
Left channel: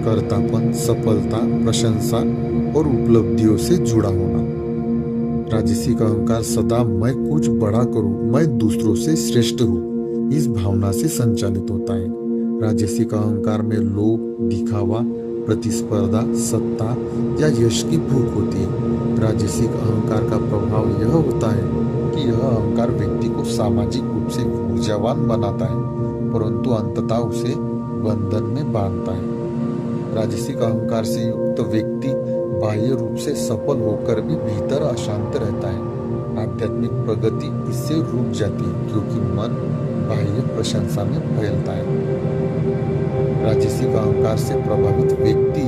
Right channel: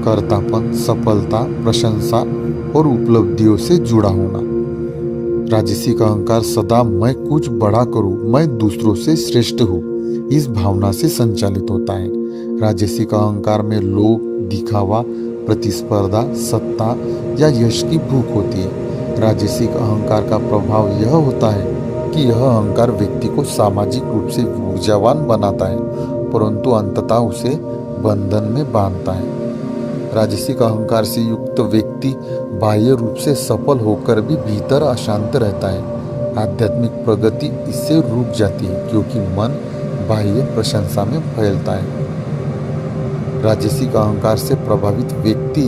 कर्तापन, सफलता, प्रशंसा और उपलब्धियों से जुड़ा होना। राजसिक अहंकार सदा मैं कुछ बड़ा करूं, मैं दूसरों से श्रेष्ठ हूं, इस भावना से संचालित होता है। राजसिक अहंकार में लोभ, दिखावा, प्रतिस्पर्धा, सत्ता या यश की भूख होती है। राजसिक अहंकार का प्रभाव यह होता है कि यह अहंकार व्यक्ति को सामाजिक रूप से ऊर्जावान बनाता है, परंतु अंततः उसे बंधन में बांधता है। राजसिक अहंकार से युक्त व्यक्ति बाह्य रूप से सफल होकर भी भीतर अशांत रहता है। आध्यात्मिक प्रगति इससे रुक जाती है, क्योंकि मन बाह्य प्रशंसा में फैलता है। राजसिक अहंकार से प्रभावित व्यक्ति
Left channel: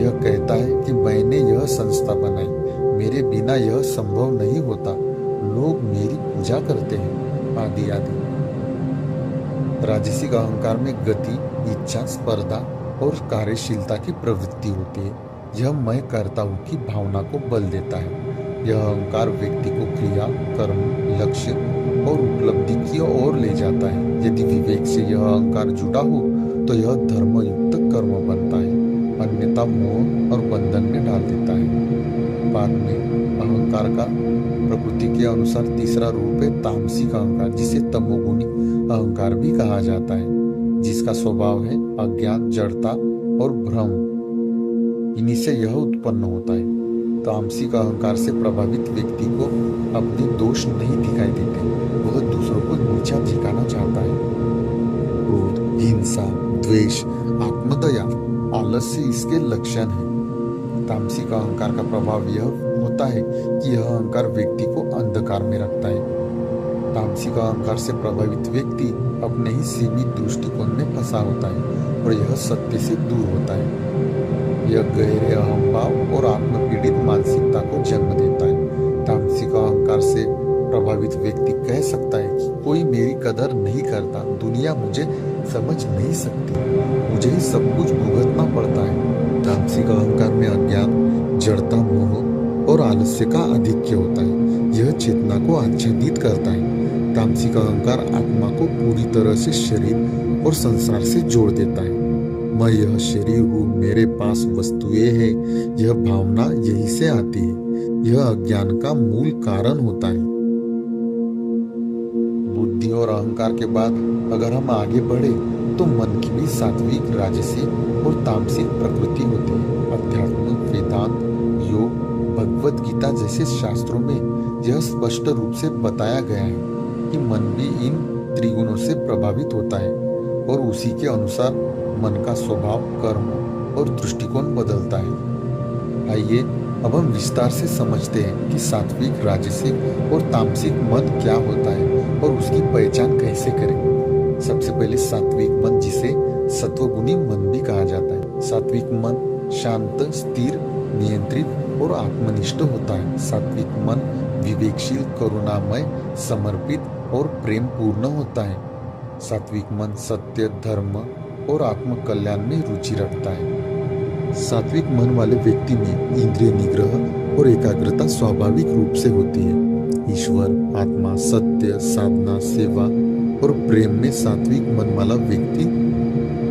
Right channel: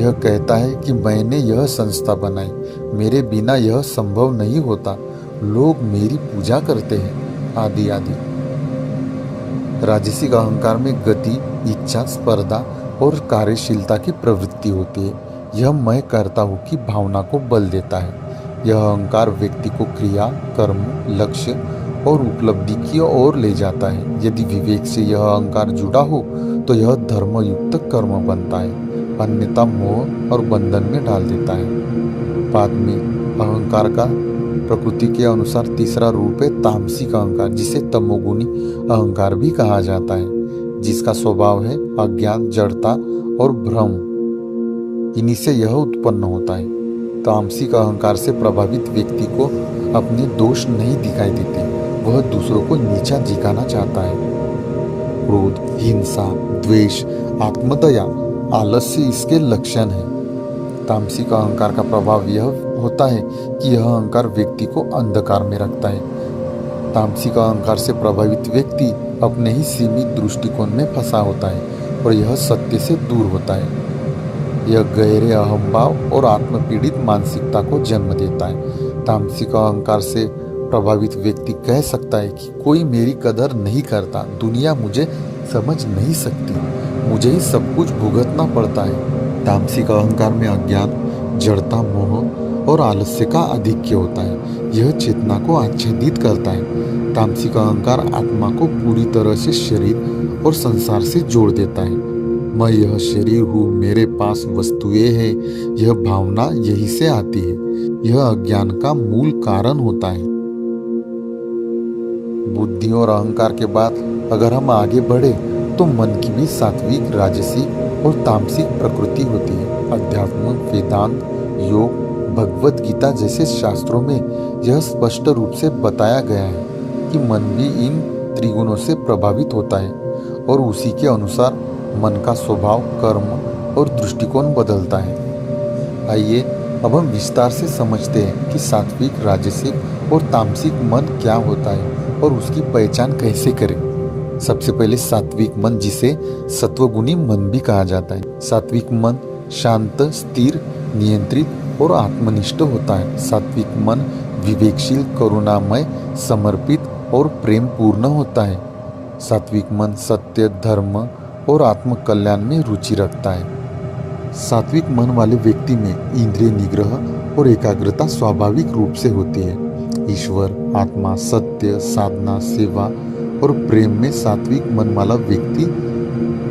यह कहता है कि मैंने यह संस्था बनाई, मेरे बिना यह संभव नहीं होता, लोग मेरी पूजा करते हैं, आदि आदि। राजसिक अहंकार में गति, इच्छा, स्पर्धा और कार्यशीलता की प्रवृत्ति होती है। यह मैं करता हूँ की भावना को बल देता है। यह अहंकार व्यक्ति को क्रिया, कर्म, लक्ष्य और उपलब्धि की ओर ले जाता है। यदि विवेक से यह अहंकार जुड़ा हो तो यह धर्मयुक्त कर्म बनता है, अन्यथा मोह और बंधन में डाल देता है। बाद में अहंकार का प्रकृति के अनुसार तीसरा रूप है तामसिक अहंकार, जिसे तमोगुणी अहंकार भी कहा जाता है, जिसका स्वभाव है अज्ञान, जड़ता और भ्रम। इन्हीं से यह उत्पन्न होता है। तामसिक अहंकार से प्रभावित व्यक्ति को अपने दोष नहीं दिखाई देते, वह दूसरों को नीचा दिखाना चाहता है। क्रोध, हिंसा, द्वेष, आत्मदया, आलस्य इसके लक्षण हैं। तामसिक अहंकार का प्रभाव यह होता है कि यह अहंकार व्यक्ति को अंधकार में रखता है। तामसिक अहंकार से प्रभावित व्यक्ति अपने ही सीमित दृष्टिकोण में फंसा होता है और यह सत्य से दूर होता है। यह गहरे अहंभाव और आत्मपीड़ित मानसिकता को जन्म देता है। तामसिक अहंकार से प्रभावित व्यक्ति कह सकता है कि कोई मेरी कदर नहीं करता, दुनिया मुझे समझ नहीं सकती, मुझे ही सब कुछ भुगतना पड़ता है। तामसिक अहंकार में अज्ञान, जड़ता, मोह और आलस्य का आधिक्य होता है। यह चेतना को आच्छादित करता है। तामसिक अहंकार आत्मा को पूरी तरह से शरीर और संसार से जोड़ देता है। मैं यह शरीर हूँ, मेरे पास वस्तुएं हैं, यह भावना यही से आती है। यह अज्ञान का मूल कारण होता है। बुद्धि और अहंकार के बाद अगर हम आगे बढ़े तो मन की भी सात्विक, राजसिक और तामसिक प्रकृति होती है। अध्यात्म, वेदांत, योग, भगवद गीता जैसे शास्त्रों में यह स्पष्ट रूप से बताया गया है कि मन भी इन त्रिगुणों से प्रभावित होता है और उसी के अनुसार मन का स्वभाव, कर्म और दृष्टिकोण बदलता है। आइए अब हम विस्तार से समझते हैं कि सात्विक, राजसिक और तामसिक मन क्या होता है और उसकी पहचान कैसे करें। सबसे पहले सात्विक मन, जिसे सत्वगुणी मन भी कहा जाता है। सात्विक मन शांत, स्थिर, नियंत्रित और आत्मनिष्ठ होता है। सात्विक मन विवेकशील, करुणामय, समर्पित और प्रेम पूर्ण होता है। सात्विक मन सत्य, धर्म और आत्म कल्याण में रुचि रखता है। सात्विक मन वाले व्यक्ति में इंद्रिय निग्रह और एकाग्रता स्वाभाविक रूप से होती है। ईश्वर, आत्मा, सत्य, साधना, सेवा और प्रेम में सात्विक मन वाला व्यक्ति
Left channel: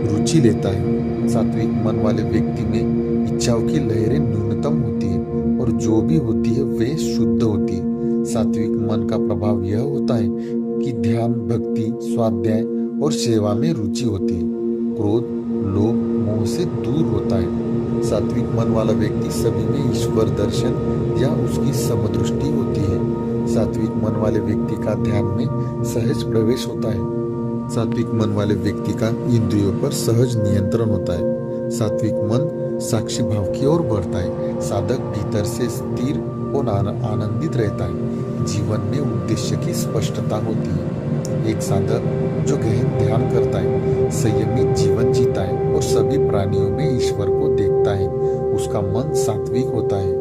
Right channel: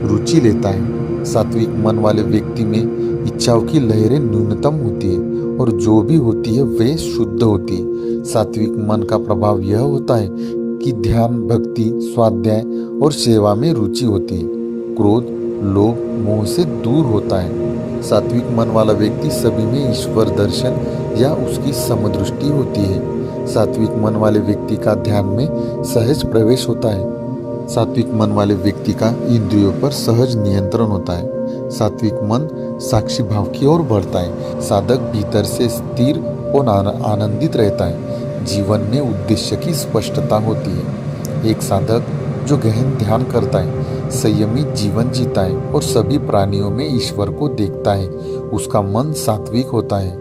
रुचि लेता है। सात्विक मन वाले व्यक्ति में इच्छाओं की लहरें न्यूनतम होती है और जो भी होती है वे शुद्ध होती है। सात्विक मन का प्रभाव यह होता है कि ध्यान, भक्ति, स्वाध्याय और सेवा में रुचि होती है। क्रोध, लोभ, मोह से दूर होता है। सात्विक मन वाला व्यक्ति सभी में ईश्वर दर्शन या उसकी समदृष्टि होती है। सात्विक मन वाले व्यक्ति का ध्यान में सहज प्रवेश होता है। सात्विक मन वाले व्यक्ति का इंद्रियों पर सहज नियंत्रण होता है। सात्विक मन साक्षी भाव की ओर बढ़ता है। साधक भीतर से स्थिर और आनंदित रहता है। जीवन में उद्देश्य की स्पष्टता होती है। एक साधक जो गहन ध्यान करता है, संयमित जीवन जीता है और सभी प्राणियों में ईश्वर को देखता है, उसका मन सात्विक होता है।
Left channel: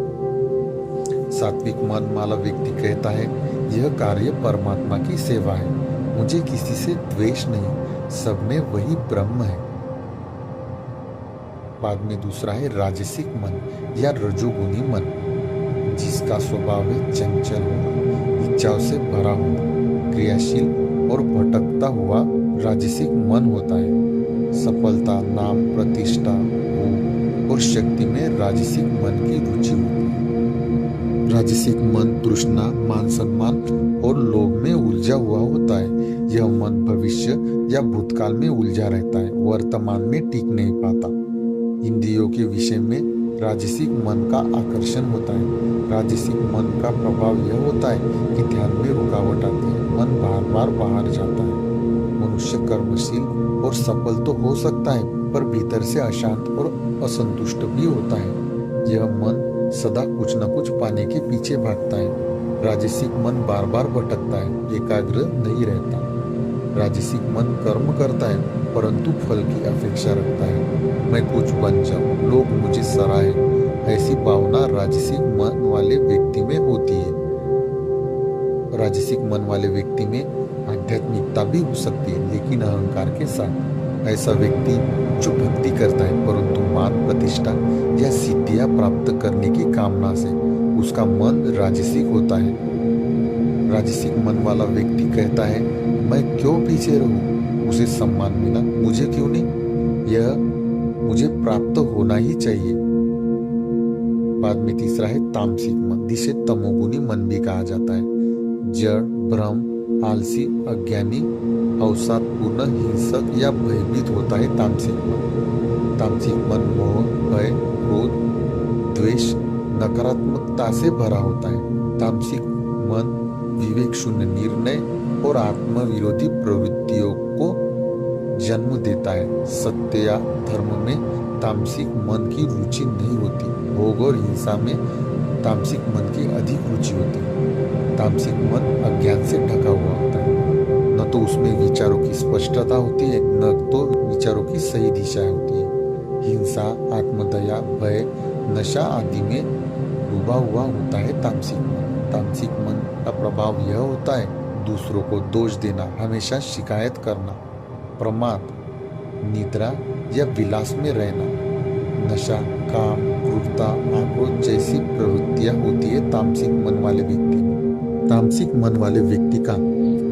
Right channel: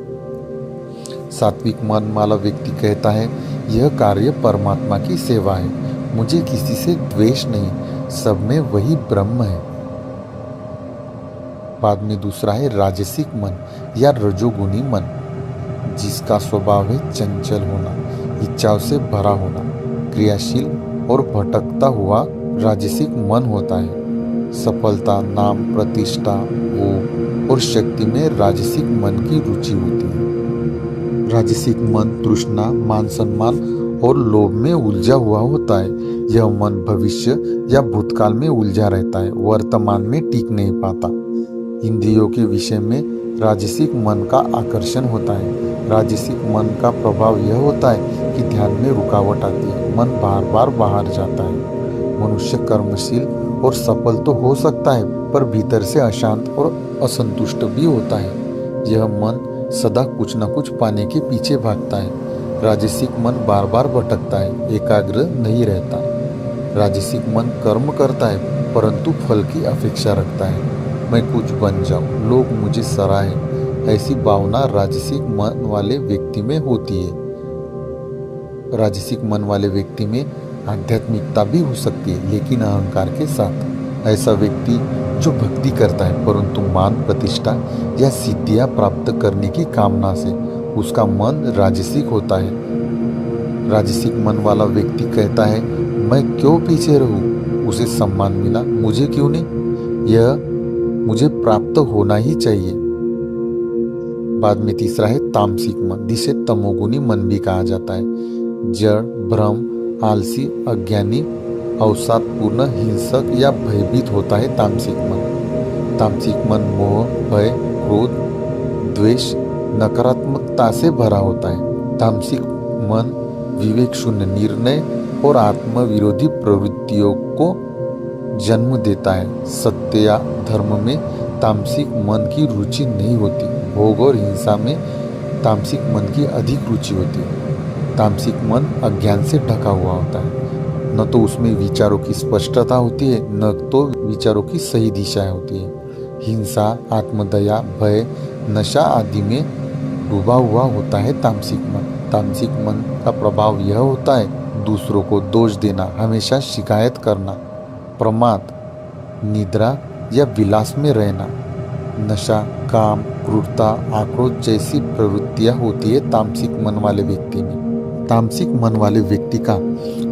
सात्विक मन वाला व्यक्ति कहता है, यह कार्य परमात्मा की सेवा है, मुझे किसी से द्वेष नहीं, सब में वही ब्रह्म है। बाद में दूसरा है राजसिक मन या रजोगुणी मन, जिसका स्वभाव है चंचल होना, इच्छाओं से भरा होना, क्रियाशील और भटकता हुआ राजसिक मन होता है। सफलता, नाम, प्रतिष्ठा, भोग और शक्ति में राजसिक मन की रुचि होती है। राजसिक मन तृष्णा, मान सम्मान और लोभ में उलझा हुआ होता है। यह मन भविष्य या भूतकाल में उलझा रहता है, वर्तमान में टिक नहीं पाता। इंद्रियों के विषय में राजसिक मन का आकर्षण होता है। राजसिक मन का प्रभाव यह होता है कि ध्यान में रुकावट आती है, मन बार बार बाहर जाता है। मनुष्य कर्मशील और सफल तो हो सकता है, पर भीतर से अशांत और असंतुष्ट भी होता है। यह मन सदा कुछ न कुछ पाने के पीछे भागता है। राजसिक मन बार बार भटकता है, एकाग्र नहीं रहता। राजसिक मन कर्म करता है, परंतु फल की अपेक्षा रखता है। मैं कुछ बन जाऊं, लोग मुझे सराहे, ऐसी भावना राजसिक मन वाले व्यक्ति में होती है। राजसिक मन वाले व्यक्ति में आध्यात्मिकता भी हो सकती है, लेकिन अहंकार के साथ। ऐसा व्यक्ति जो भक्ति करता है परंतु मान प्रतिष्ठा या सिद्धियां प्राप्त करने की कामना से, उसका मन राजसिक होता है। राजसिक मन वाला व्यक्ति कहता है, मैं क्यों पीछे रहूं, उसे सम्मान मिला, मुझे क्यों नहीं, यह मुझे प्राप्त होना ही चाहिए। बाद में तीसरा है तामसिक मन, जिसे तमोगुनी मन भी कहा जाता है। जड़, भ्रम, आलसी, अज्ञानी, अवसादपूर्ण, हिंसक या भयभीत होता है तामसिक मन। तामसिक मन मोह, भय, क्रोध, द्वेष, नकारात्मकता से भरा होता है। तामसिक मन विवेक शून्य निर्णय और आत्मविरोधी प्रवृत्तियों को जन्म देता है। सत्य या धर्म में तामसिक मन की रुचि नहीं होती। भोग और हिंसा में तामसिक मन की अधिक रुचि होती है। तामसिक मन अज्ञान से ढका हुआ होता है। न तो उसमें विचारों की स्पष्टता होती है, न तो विचारों की सही दिशा होती है। हिंसा, आत्मदया, भय, नशा आदि में डूबा हुआ होता है तामसिक मन। तामसिक मन का प्रभाव यह होता है दूसरों को दोष देना, हमेशा शिकायत करना, प्रमाद, निद्रा या विलास में रहना, नशा, काम, क्रूरता, आक्रोश जैसी प्रवृत्तियां होती है तामसिक मन वाले व्यक्ति में। तामसिक मन वाले व्यक्ति का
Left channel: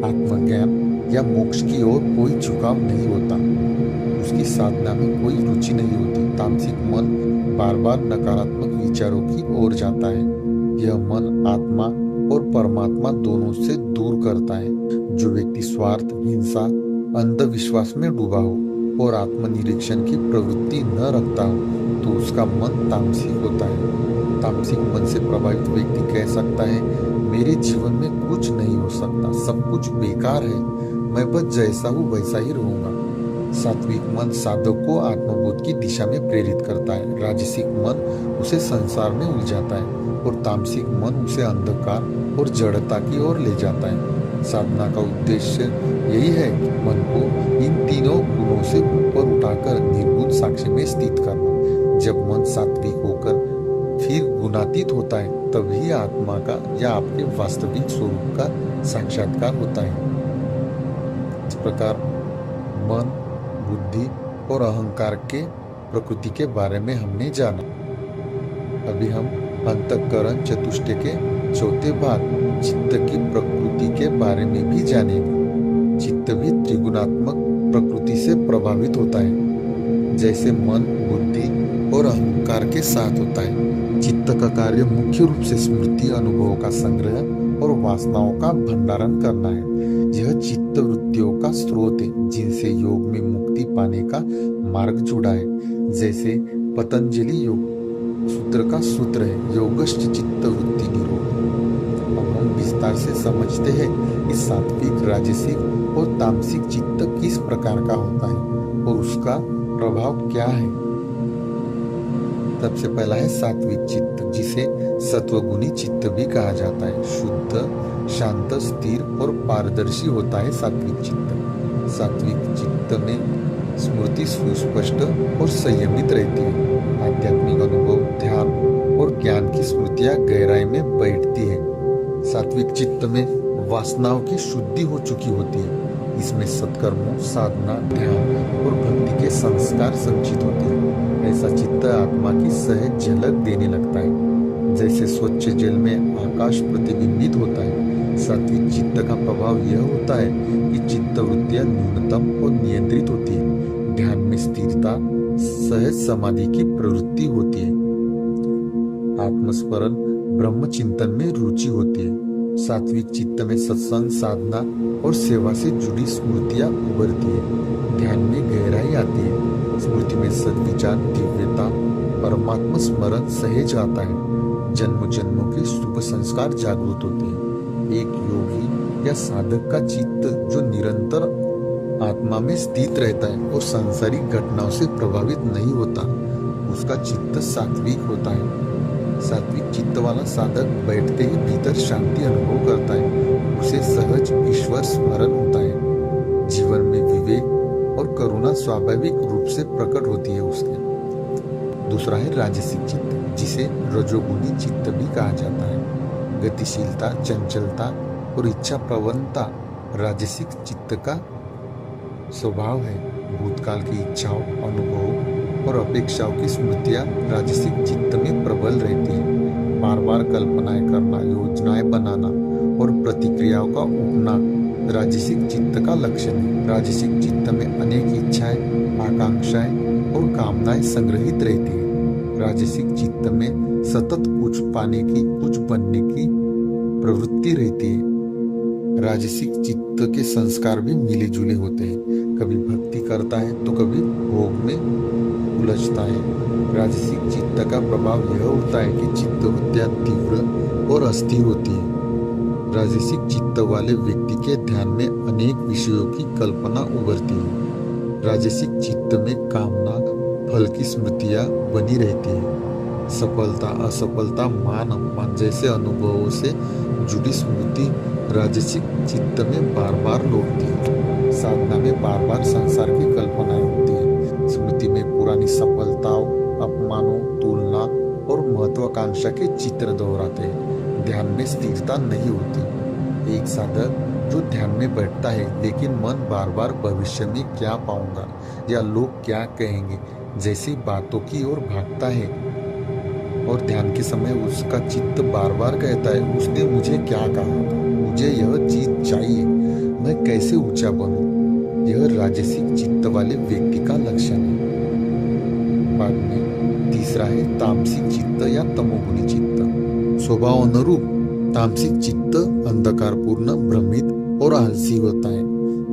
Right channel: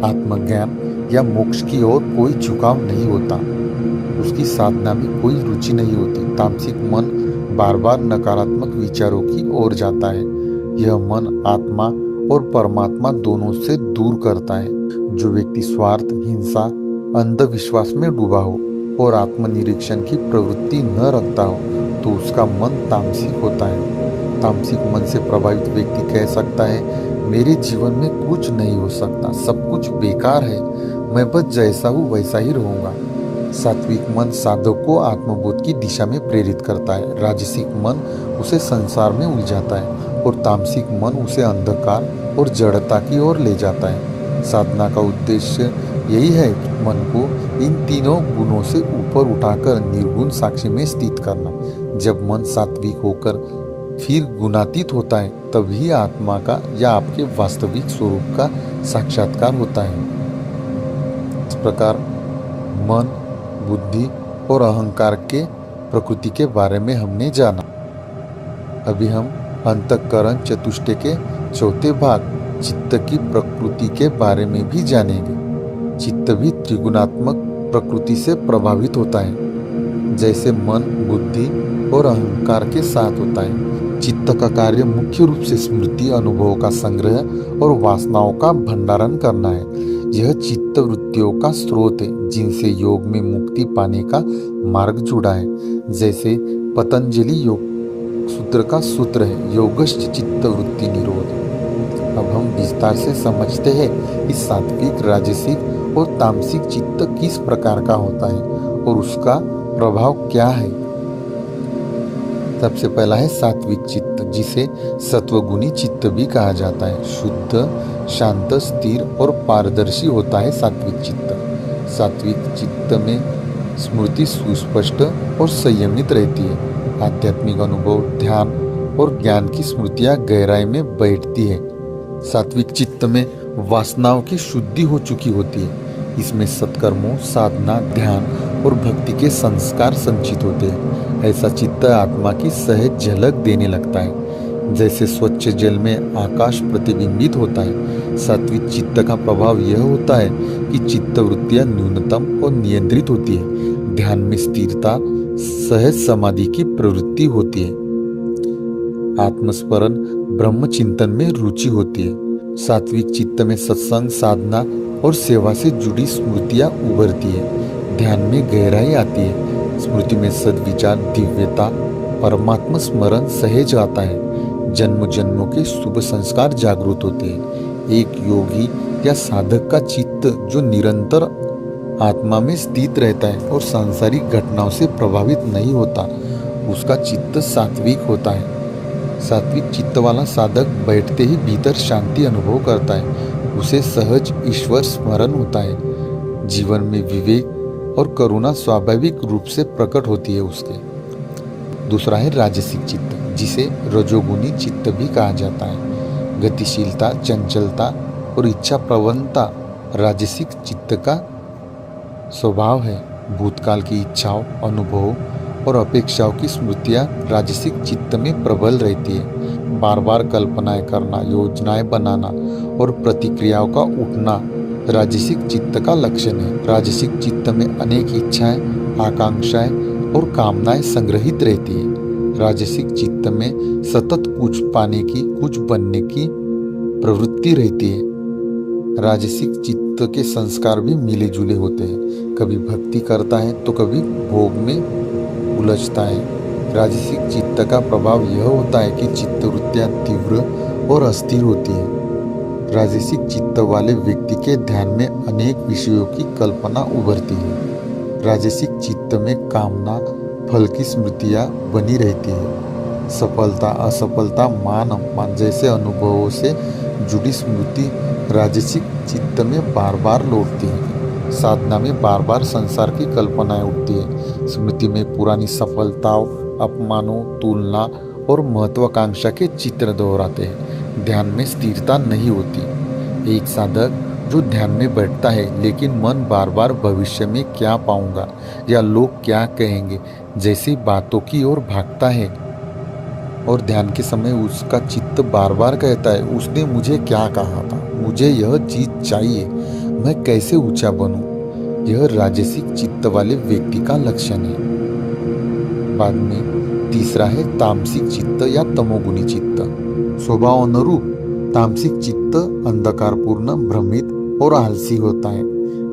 आत्मज्ञान या मोक्ष की ओर कोई झुकाव नहीं होता। उसकी साधना में कोई रुचि नहीं होती। तामसिक मन बार बार नकारात्मक विचारों की ओर जाता है। यह मन आत्मा और परमात्मा दोनों से दूर करता है। जो व्यक्ति स्वार्थ, हिंसा, अंधविश्वास में डूबा हो और आत्मनिरीक्षण की प्रवृत्ति न रखता हो तो उसका मन तामसिक होता है। तामसिक मन से प्रभावित व्यक्ति कह सकता है, मेरे जीवन में कुछ नहीं हो सकता, सब कुछ बेकार है, मैं बस जैसा हूँ वैसा ही रहूंगा। सात्विक मन साधक को आत्मबोध की दिशा में प्रेरित करता है। राजसिक मन उसे संसार में उलझाता है और तामसिक मन उसे अंधकार और जड़ता की ओर ले जाता है। साधना का उद्देश्य यही है कि मन को इन तीनों गुणों से ऊपर उठाकर निर्गुण साक्षी में स्थित करना। जब मन सात्विक होकर फिर गुणातीत होता है तभी आत्मा का या आपके वास्तविक स्वरूप का साक्षात्कार होता है। इस प्रकार मन, बुद्धि और अहंकार के प्रकृति के बारे में हमने जाना। अभी हम अंतःकरण चतुष्टय के चौथे भाग चित्त की प्रकृति के बारे में भी जानेंगे। चित्त भी त्रिगुणात्मक प्रकृति से प्रभावित होता है, जैसे मन, बुद्धि और अहंकार के साथ होता है। चित्त का कार्य मुख्य रूप से स्मृति, अनुभवों का संग्रह और वासनाओं का भंडारण करना है। यह चित्त वृत्तियों का स्रोत है जिनसे योग में मुक्ति पाने का मार्ग जुड़ा है। जैसे पतंजलि योग सूत्र का सूत्र है, योगश्च चित्त वृत्ति निरोध। अब हम विस्तार से समझते हैं कि सात्विक, राजसिक और तामसिक चित्त किस प्रकार का होता है और उसका प्रभाव क्या है। सबसे पहला है सात्विक चित्त, जिसे सत्वगुणी चित्त भी कहा जाता है। शुद्ध, शांत, स्थिर और पारदर्शी होता है सात्विक चित्त। सात्विक चित्त में स्मृति सुस्पष्ट और संयमित रहती है। आध्यात्मिक अनुभव, ध्यान और ज्ञान की स्मृतियां गहराई में बैठती है। सात्विक चित्त में वासनाओं की शुद्धि हो चुकी होती है। इसमें सत्कर्मों, साधना, ध्यान और भक्ति के संस्कार संचित होते हैं। ऐसा चित्त आत्मा की सहज झलक देने लगता है, जैसे स्वच्छ जल में आकाश प्रतिबिंबित होता है। सात्विक चित्त का प्रभाव यह होता है कि चित्त वृत्तियां न्यूनतम और नियंत्रित होती है। ध्यान में स्थिरता, सहज समाधि की प्रवृत्ति होती है। आत्मस्मरण, ब्रह्म चिंतन में रुचि होती है। सात्विक चित्त में सत्संग, साधना और सेवा से जुड़ी स्मृतियां उभरती है। ध्यान में गहराई आती है। स्मृति में सद्विचार, दिव्यता, परमात्मा स्मरण सहज आता है। जन्म जन्मों के शुभ संस्कार जागृत होते हैं। एक योगी या साधक का चित्त जो निरंतर आत्मा में स्थित रहता है और सांसारिक घटनाओं से प्रभावित नहीं होता, उसका चित्त सात्विक होता है। सात्विक चित्त वाला साधक बैठते ही भीतर शांति अनुभव करता है। उसे सहज ईश्वर स्मरण होता है। जीवन में विवेक और करुणा स्वाभाविक रूप से प्रकट होती है उसके। दूसरा है राजसिक चित्त, जिसे रजोगुनी चित्त भी कहा जाता है। गतिशीलता, चंचलता और इच्छा प्रवणता राजसिक चित्त का स्वभाव है। भूतकाल की इच्छाओं, अनुभवों और अपेक्षाओं की स्मृतियाँ राजसिक चित्त में प्रबल रहती है। बार बार कल्पनाएं करना, योजनाएं बनाना और प्रतिक्रियाओं का उठना राजसिक चित्त का लक्षण है। राजसिक चित्त में अनेक इच्छाएं, आकांक्षाएं और कामनाएं संग्रहित रहती है। राजसिक चित्त में सतत कुछ पाने की, कुछ बनने की प्रवृत्ति रहती है। राजसिक चित्त के संस्कार भी मिले जुले होते हैं। कभी भक्ति करता है तो कभी भोग में उलझता है। राजसिक चित्त का प्रभाव यह होता है कि चित्तवृत्तियां तीव्र और अस्थिर होती है। राजसिक चित्त वाले व्यक्ति के ध्यान में अनेक विषयों की कल्पना उभरती है। राजसिक चित्त में कामना, फल की स्मृतियां बनी रहती है। सफलता, असफलता, मान अपमान जैसे अनुभवों से जुड़ी स्मृति राजसिक चित्त में बार बार लौटती है। साधना में बार बार संसार की कल्पनाएं उठती है। स्मृति में पुरानी सफलताओं, अपमानों, तुलना और महत्वाकांक्षा के चित्र दोहराते हैं। ध्यान में स्थिरता नहीं होती। एक साधक जो ध्यान में बैठता है लेकिन मन बार बार भविष्य में क्या पाऊंगा या लोग क्या कहेंगे जैसी बातों की ओर भागता है और ध्यान के समय उसका चित्त बार बार कहता है, उसने मुझे क्या कहा था, मुझे यह चीज चाहिए, मैं कैसे ऊंचा बनूं। यह राजसिक चित्त वाले व्यक्ति का लक्षण है। बाद में तीसरा है तामसिक चित्त या तमोगुणी चित्त। स्वभाव अनुरूप तामसिक चित्त अंधकारपूर्ण, भ्रमित और आलसी होता है।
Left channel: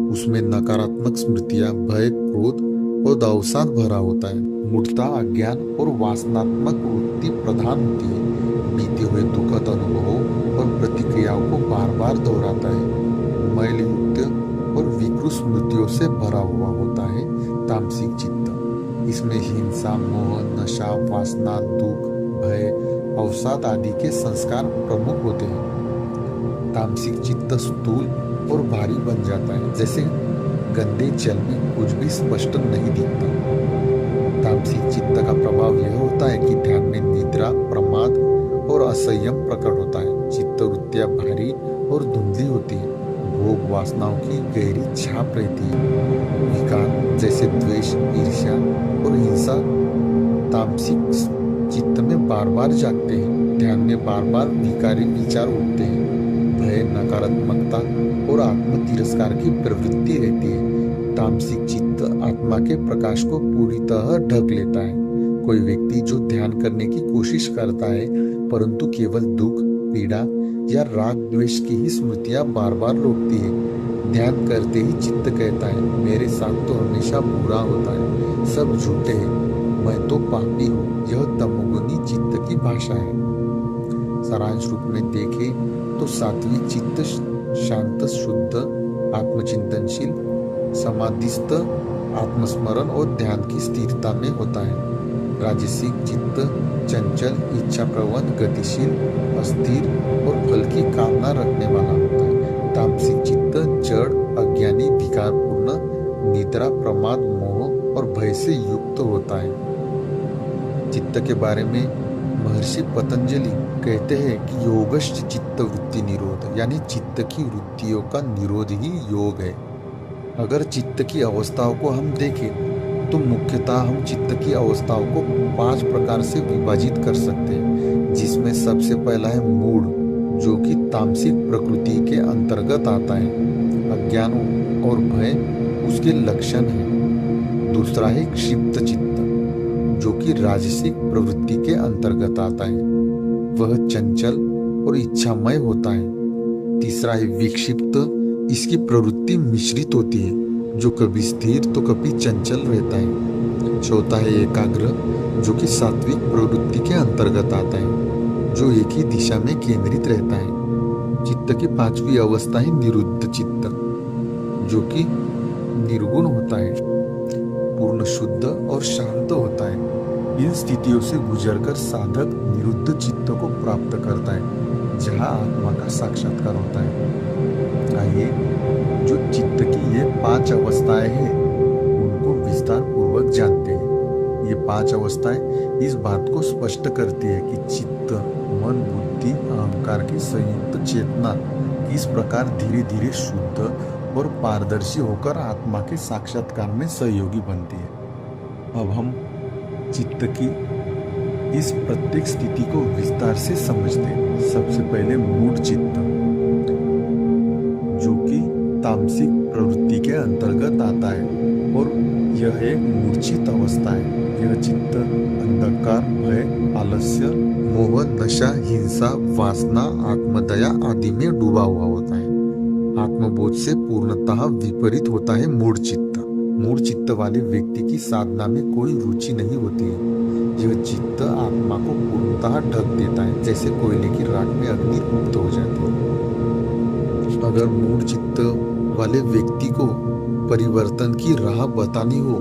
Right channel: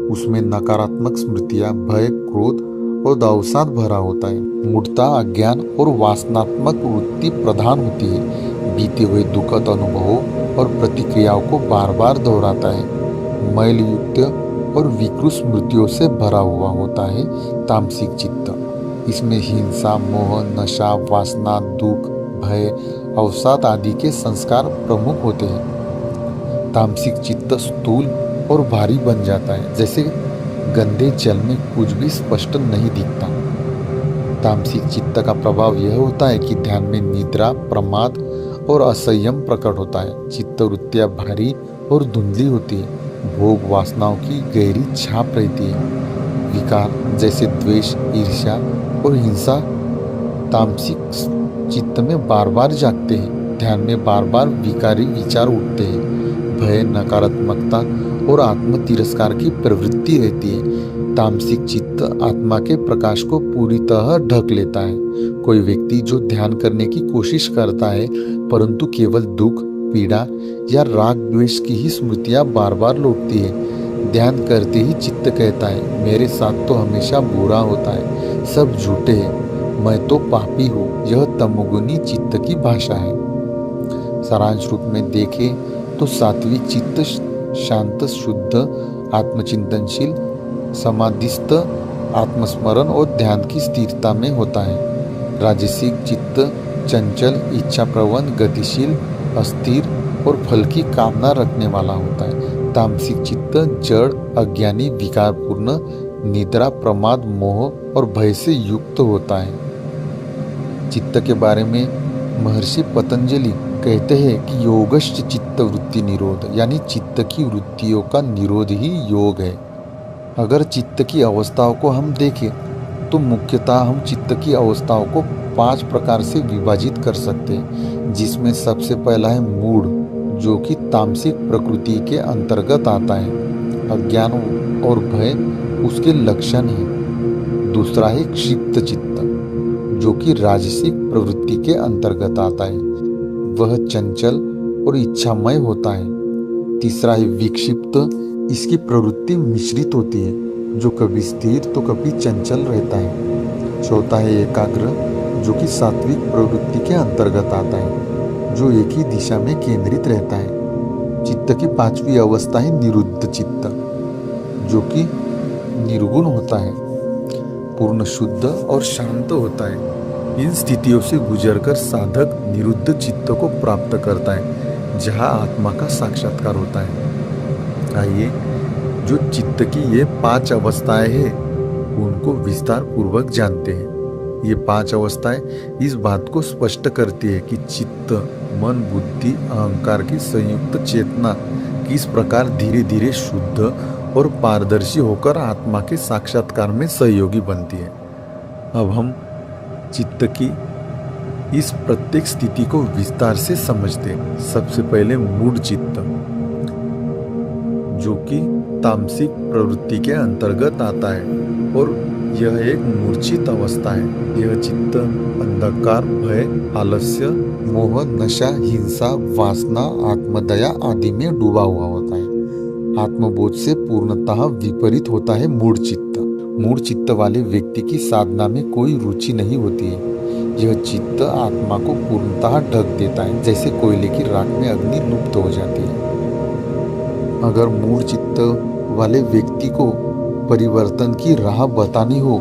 उसमें नकारात्मक स्मृतियां, भय, क्रोध और अवसाद भरा होता है। मूढ़ता, अज्ञान और वासनात्मक वृत्ति प्रधान होती है। बीते हुए दुखद अनुभवों और प्रतिक्रियाओं को बार बार दोहराता है। मैलयुक्त और विकृत स्मृतियों से भरा हुआ होता है तामसिक चित्त। इसमें हिंसा, मोह, नशा, वासना, दुख, भय, अवसाद आदि के संस्कार प्रमुख होते हैं। तामसिक चित्त स्थूल और भारी बन जाता है, जैसे गंदे जल में कुछ भी स्पष्ट नहीं दिखता। तामसिक चित्त का प्रभाव यह होता है कि ध्यान में निद्रा, प्रमाद और असंयम प्रकट होता है। चित्तवृत्तियां भारी और धुंधली होती है। भोग वासनाओं की गहरी छाप रहती है। विकार जैसे द्वेष, ईर्ष्या और हिंसा तामसिक चित्त में बार बार जागते हैं। ध्यान में बार बार विकारी विचार उठते हैं। भय, नकारात्मकता और आत्म तिरस्कार की प्रवृत्ति रहती है। तामसिक चित्त आत्मा के प्रकाश को पूरी तरह ढक लेता है। कोई व्यक्ति जो ध्यान करने की कोशिश करता है परंतु केवल दुख, पीड़ा या राग द्वेष की ही स्मृतियां बार बार लौटती है। ध्यान करते ही चित्त कहता है, मेरे साथ तो हमेशा बुरा होता है, सब झूठे हैं, मैं तो पापी हूँ। यह तमोगुनी चित्त की भाषा है। सारांश रूप में देखें तो सात्विक चित्त शांत, शुद्ध, आत्मचिंतनशील, समाधिस्थ, आत्मस्मरण और ध्यान की स्थिरता में होता है। राजसिक चित्त चंचल, इच्छा प्रवण, गतिशील, अस्थिर और फल की कामना रखने वाला होता है। तामसिक चित्त जड़, अज्ञानी, विकारपूर्ण, निद्रा, प्रमाद, मोह और भय से युक्त होता है। चित्त के बारे में महर्षि पतंजलि कहते हैं कि योगश्च चित्त वृत्ति निरोध, यानी चित्त की वृत्तियों का निरोध ही योग है। अगर चित्त की अवस्थाओं को हम देखें तो मुख्यतः हम चित्त की अवस्थाओं को 5 प्रकार से विभाजित कर सकते हैं, जिसमें सबसे पहला है मूढ़, जो कि तामसिक प्रकृति के अंतर्गत आता है। अज्ञान और भय उसके लक्षण हैं। दूसरा है क्षिप्त चित्त, जो कि राजसिक प्रवृत्ति के अंतर्गत आता है। वह चंचल और इच्छामय होता है। तीसरा है विक्षिप्त, इसकी प्रवृत्ति मिश्रित होती है, जो कभी स्थिर तो कभी चंचल रहता है। चौथा है एकाग्र, जो कि सात्विक प्रवृत्ति के अंतर्गत आता है, जो एक ही दिशा में केंद्रित रहता है। चित्त की 5वीं अवस्था है निरुद्ध चित्त, जो कि निर्गुण होता है, पूर्ण शुद्ध और शांत होता है। इन स्थितियों से गुजरकर साधक निरुद्ध चित्त को प्राप्त करता है, जहाँ आत्मा का साक्षात्कार होता है। आइए जो चित्त की ये 5 अवस्थाएं हैं उनको विस्तार पूर्वक जानते हैं। ये 5 अवस्थाएं इस बात को स्पष्ट करती है कि चित्त, मन, बुद्धि, अहंकार की संयुक्त चेतना किस प्रकार धीरे धीरे शुद्ध और पारदर्शी होकर आत्मा के साक्षात्कार में सहयोगी बनती है। अब हम चित्त की इस प्रत्येक स्थिति को विस्तार से समझते हैं। सबसे पहले मूढ़ चित्त, जो कि तामसिक प्रवृत्ति के अंतर्गत आता है और यह एक मूर्छित अवस्था है। यह चित्त अंधकार, भय, आलस्य, मोह, नशा, हिंसा, वासना, आत्मदया आदि में डूबा हुआ होता है। आत्मबोध से पूर्णतः विपरीत होता है मूढ़ चित्त। मूढ़ चित्त वाले व्यक्ति की साधना में कोई रुचि नहीं होती है। यह चित्त आत्मा को पूर्णतः ढक देता है, जैसे कोयले की राख में अग्नि लुप्त हो जाती है। अगर मूढ़ चित्त वाले व्यक्ति को परिवर्तन की राह बतानी हो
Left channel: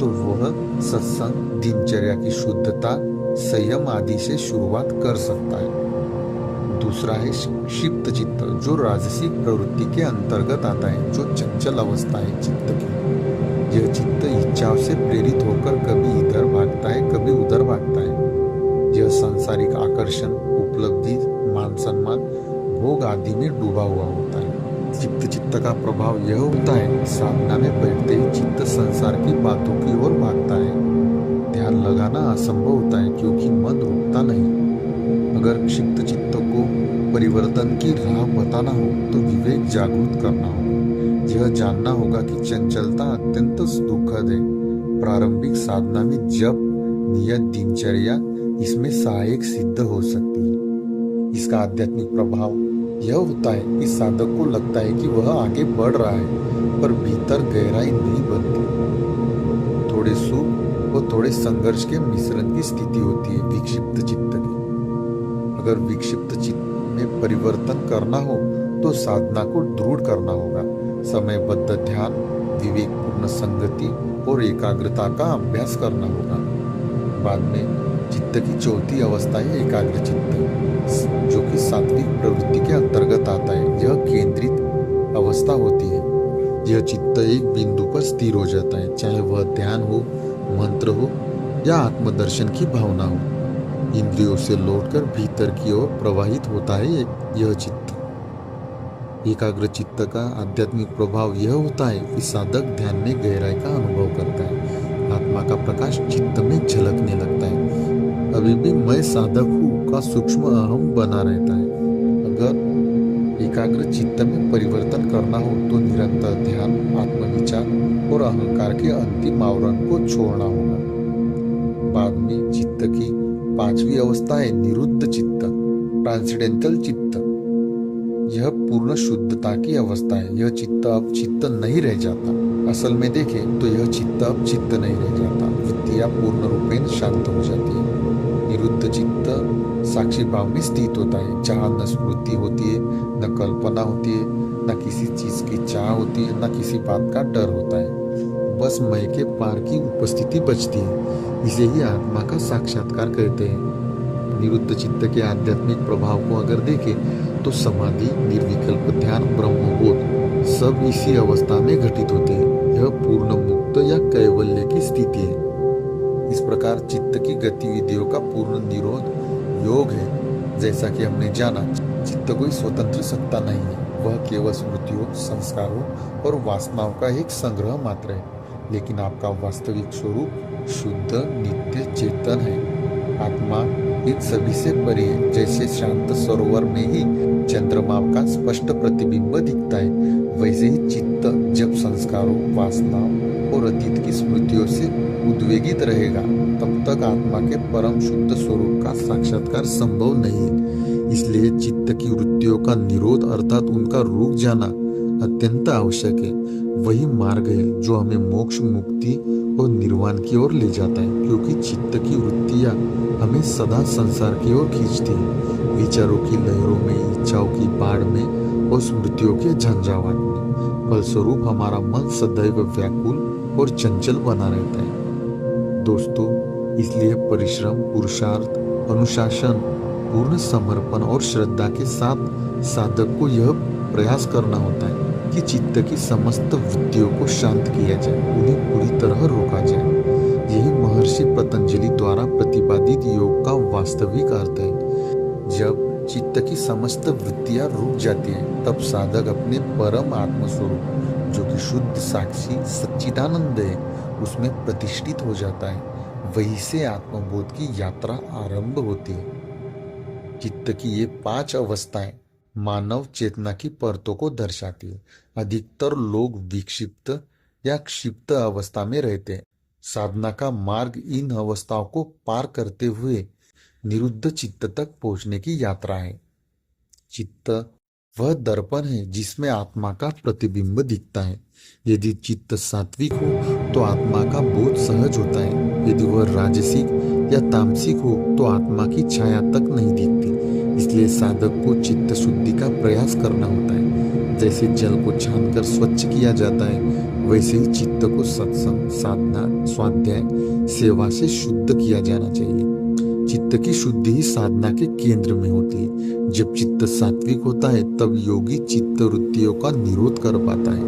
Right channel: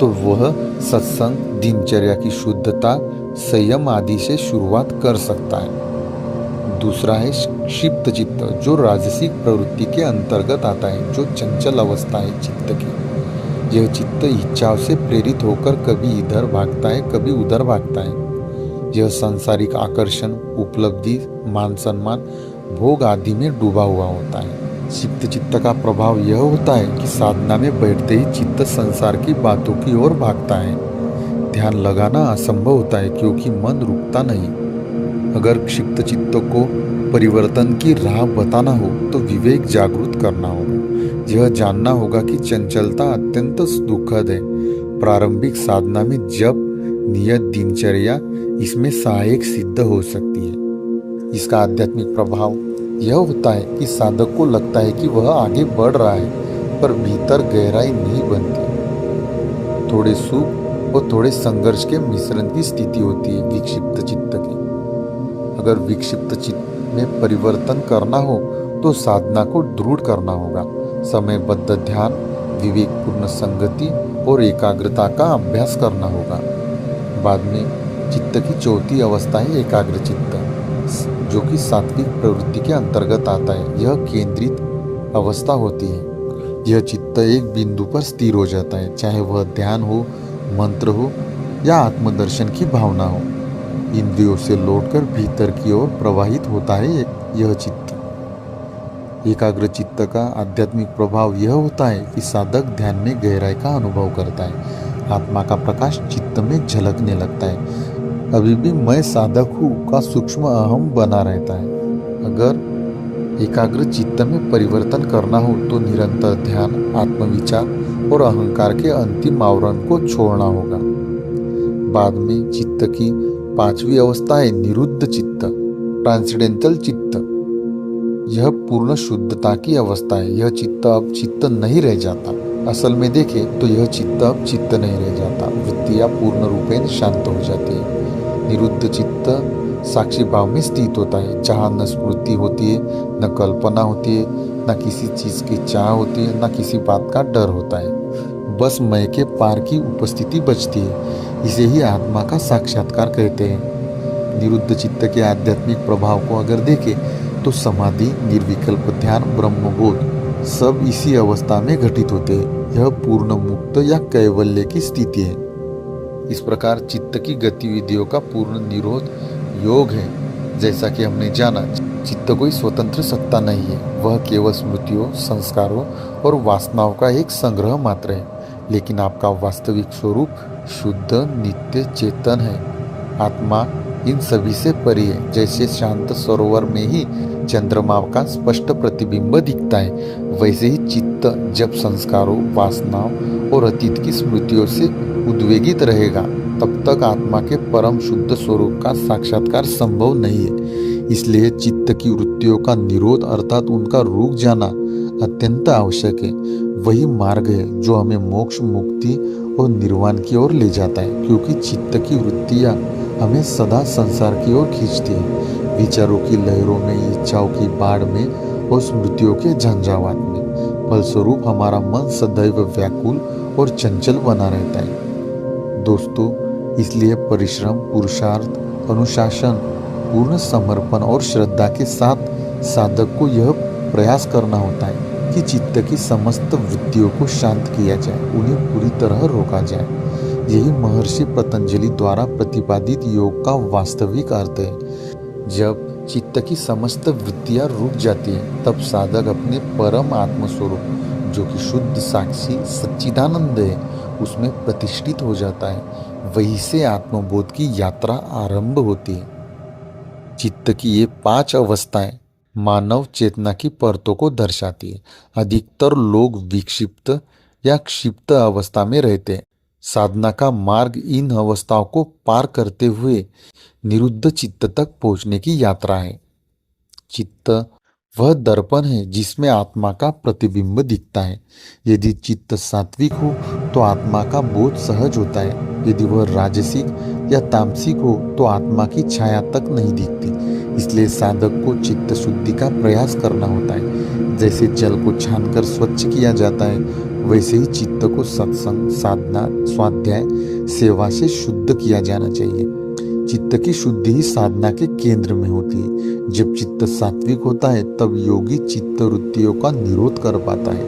तो वह सत्संग, दिनचर्या की शुद्धता, संयम आदि से शुरुआत कर सकता है। दूसरा है क्षिप्त चित्त, जो राजसिक प्रवृत्ति के अंतर्गत आता है, जो चंचल अवस्था है चित्त की। यह चित्त इच्छाओं से प्रेरित होकर कभी इधर भागता है, कभी उधर भागता है। यह सांसारिक आकर्षण, उपलब्धि, मान सम्मान, भोग आदि में डूबा हुआ होता है। क्षिप्त चित्त का प्रभाव यह होता है कि साधना में बैठते ही चित्त संसार की बातों की ओर भागता है। ध्यान लगाना असंभव होता है क्योंकि मन रुकता नहीं। अगर क्षिप्त चित्त को परिवर्तन की राह बताना हो तो विवेक जागृत करना होगा। यह जानना होगा कि चंचलता अत्यंत दुखद है। प्रारंभिक साधना में जप, नियत दिनचर्या इसमें सहायक सिद्ध हो सकती है। इसका आध्यात्मिक प्रभाव यह होता है कि साधक को लगता है कि वह आगे बढ़ रहा है, पर भीतर गहराई नहीं बनती। थोड़े सुख और थोड़े संघर्ष के मिश्रण की स्थिति होती है विक्षिप्त चित्त की। अगर विक्षिप्त चित्त में परिवर्तन करना हो तो साधना को दृढ़ करना होगा। समयबद्ध ध्यान, विवेकपूर्ण संगति और एकाग्रता का अभ्यास करना होगा। बाद में चित्त की चौथी अवस्था है एकाग्र चित्त, जो कि सात्विक प्रवृत्ति के अंतर्गत आता है। यह केंद्रित अवस्था होती है। यह चित्त एक बिंदु पर स्थिर हो जाता है, चाहे वह ध्यान हो, मंत्र हो या आत्मदर्शन की भावना हो। इंद्रियों से लौटकर भीतर की ओर प्रवाहित होता है यह चित्त। एकाग्र चित्त का आध्यात्मिक प्रभाव यह होता है कि साधक ध्यान में गहराई का अनुभव करता है। आत्मा का प्रकाश चित्त में झलकने लगता है। अभी भी मैं साधक हूँ का सूक्ष्म अहम बना रहता है। अगर एकाग्र चित्त में परिवर्तन करना हो तो निरंतर ध्यान, आत्मविचार और अहंकार के अंतिम आवरण को छोड़ना होगा। बाद में चित्त की पांचवी अवस्था है निरुद्ध चित्त, ट्रांसेंडेंटल चित्त। यह पूर्ण शुद्धता की अवस्था है। यह चित्त अब चित्त नहीं रह जाता। असल में देखें तो यह चित्त अब चित्त नहीं रह जाता। वृत्तियां पूर्ण रूपेण शांत हो जाती है। निरुद्ध चित्त साक्षी भाव में स्थित होता है, जहाँ न स्मृति होती है, न कल्पना होती है, न किसी चीज की चाह होती है, न किसी बात का डर होता है। बस मैं के पार की उपस्थिति बचती है। इसे ही आत्मा का साक्षात्कार कहते हैं। निरुद्ध चित्त के आध्यात्मिक प्रभाव को अगर देखें तो समाधि, निर्विकल्प ध्यान, ब्रह्मबोध सब इसी अवस्था में घटित होते हैं। यह पूर्ण मुक्त या कैवल्य की स्थिति है। इस प्रकार चित्त की गतिविधियों का पूर्ण निरोध योग है। जैसा कि हमने जाना, चित्त कोई स्वतंत्र सत्ता नहीं है। वह केवल स्मृतियों, संस्कारों और वासनाओं का एक संग्रह मात्र है। लेकिन आपका वास्तविक स्वरूप शुद्ध, नित्य, चेतन है। आत्मा इन सभी से परे है। जैसे शांत सरोवर में ही चंद्रमा का स्पष्ट प्रतिबिंब दिखता है, वैसे ही चित्त जब संस्कारों, वासनाओं और अतीत की स्मृतियों से उद्वेगित रहेगा, तब तक आत्मा के परम शुद्ध स्वरूप का साक्षात्कार संभव नहीं है। इसलिए चित्त की वृत्तियों का निरोध अर्थात उनका रुक जाना अत्यंत आवश्यक है। वही मार्ग है जो हमें मोक्ष, मुक्ति और निर्वाण की ओर ले जाता है, क्योंकि चित्त की वृत्तियां हमें सदा संसार की ओर खींचती है, विचारों की लहरों में, इच्छाओं की बाढ़ में और स्मृतियों के झंझावात में। फलस्वरूप हमारा मन सदैव व्याकुल और चंचल बना रहता है। दोस्तों, इसलिए परिश्रम, पुरुषार्थ, अनुशासन, पूर्ण समर्पण और श्रद्धा के साथ साधक को यह प्रयास करना होता है कि चित्त की समस्त वृत्तियों को शांत किया जाए, उन्हें पूरी तरह रोका जाए। यही महर्षि पतंजलि द्वारा प्रतिपादित योग का वास्तविक अर्थ है। जब चित्त की समस्त वृत्तियां रुक जाती है, तब साधक अपने परम आत्मस्वरूप जो कि शुद्ध साक्षी सच्चिदानंद है, उसमें प्रतिष्ठित हो जाता है। वहीं से आत्मबोध की यात्रा आरंभ होती है। चित्त की ये 5 अवस्थाएं मानव चेतना की परतों को दर्शाती है। अधिकतर लोग विक्षिप्त या क्षिप्त अवस्था में रहते हैं। साधना का मार्ग इन अवस्थाओं को पार करते हुए निरुद्ध चित्त तक पहुंचने की यात्रा है। चित्त वह दर्पण है जिसमें आत्मा का प्रतिबिंब दिखता है। यदि चित्त सात्विक हो तो आत्मा का बोध सहज होता है। यदि वह राजसिक या तामसिक हो तो आत्मा की छाया तक नहीं दिखती। इसलिए साधक को चित्त शुद्धि का प्रयास करना होता है। जैसे जल को छानकर स्वच्छ किया जाता है, वैसे ही चित्त को सत्संग, साधना, स्वाध्याय, सेवा से शुद्ध किया जाना चाहिए। चित्त की शुद्धि ही साधना के केंद्र में होती है। जब चित्त सात्विक होता है तब योगी चित्त वृत्तियों का निरोध कर पाता है।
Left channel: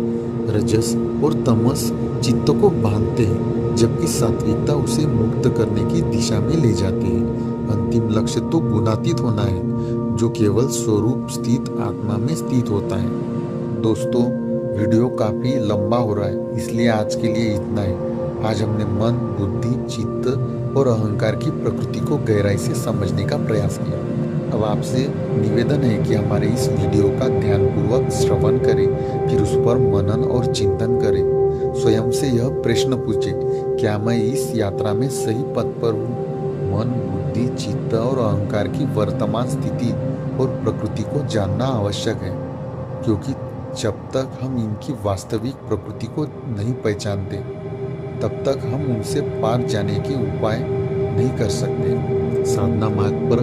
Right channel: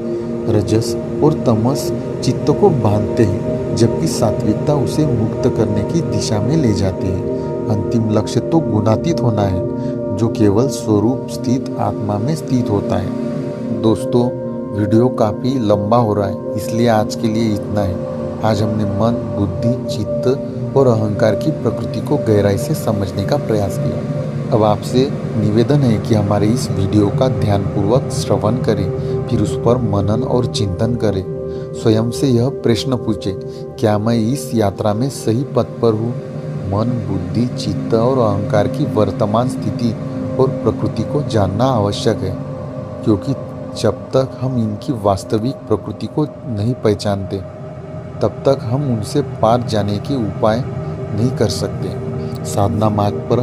रजस और तमस चित्त को बांधते हैं, जबकि सात्विकता उसे मुक्त करने की दिशा में ले जाती है। अंतिम लक्ष्य तो गुणातीत होना है, जो केवल स्वरूप स्थित आत्मा में स्थित होता है। दोस्तों, वीडियो काफी लंबा हो रहा है, इसलिए आज के लिए इतना है। आज हमने मन, बुद्धि, चित्त और अहंकार की प्रकृति को गहराई से समझने का प्रयास किया। अब आपसे निवेदन है कि हमारे इस वीडियो का ध्यानपूर्वक श्रवण करें, फिर उस पर मनन और चिंतन करें। स्वयं से यह प्रश्न पूछें, क्या मैं इस यात्रा में सही पथ पर हूँ? मन, बुद्धि, चित्त और अहंकार की वर्तमान स्थिति और प्रकृति को जानना आवश्यक है, क्योंकि जब तक हम इनकी वास्तविक प्रकृति को नहीं पहचानते तब तक हम उनसे पार जाने के उपाय नहीं कर सकते। साधना मार्ग पर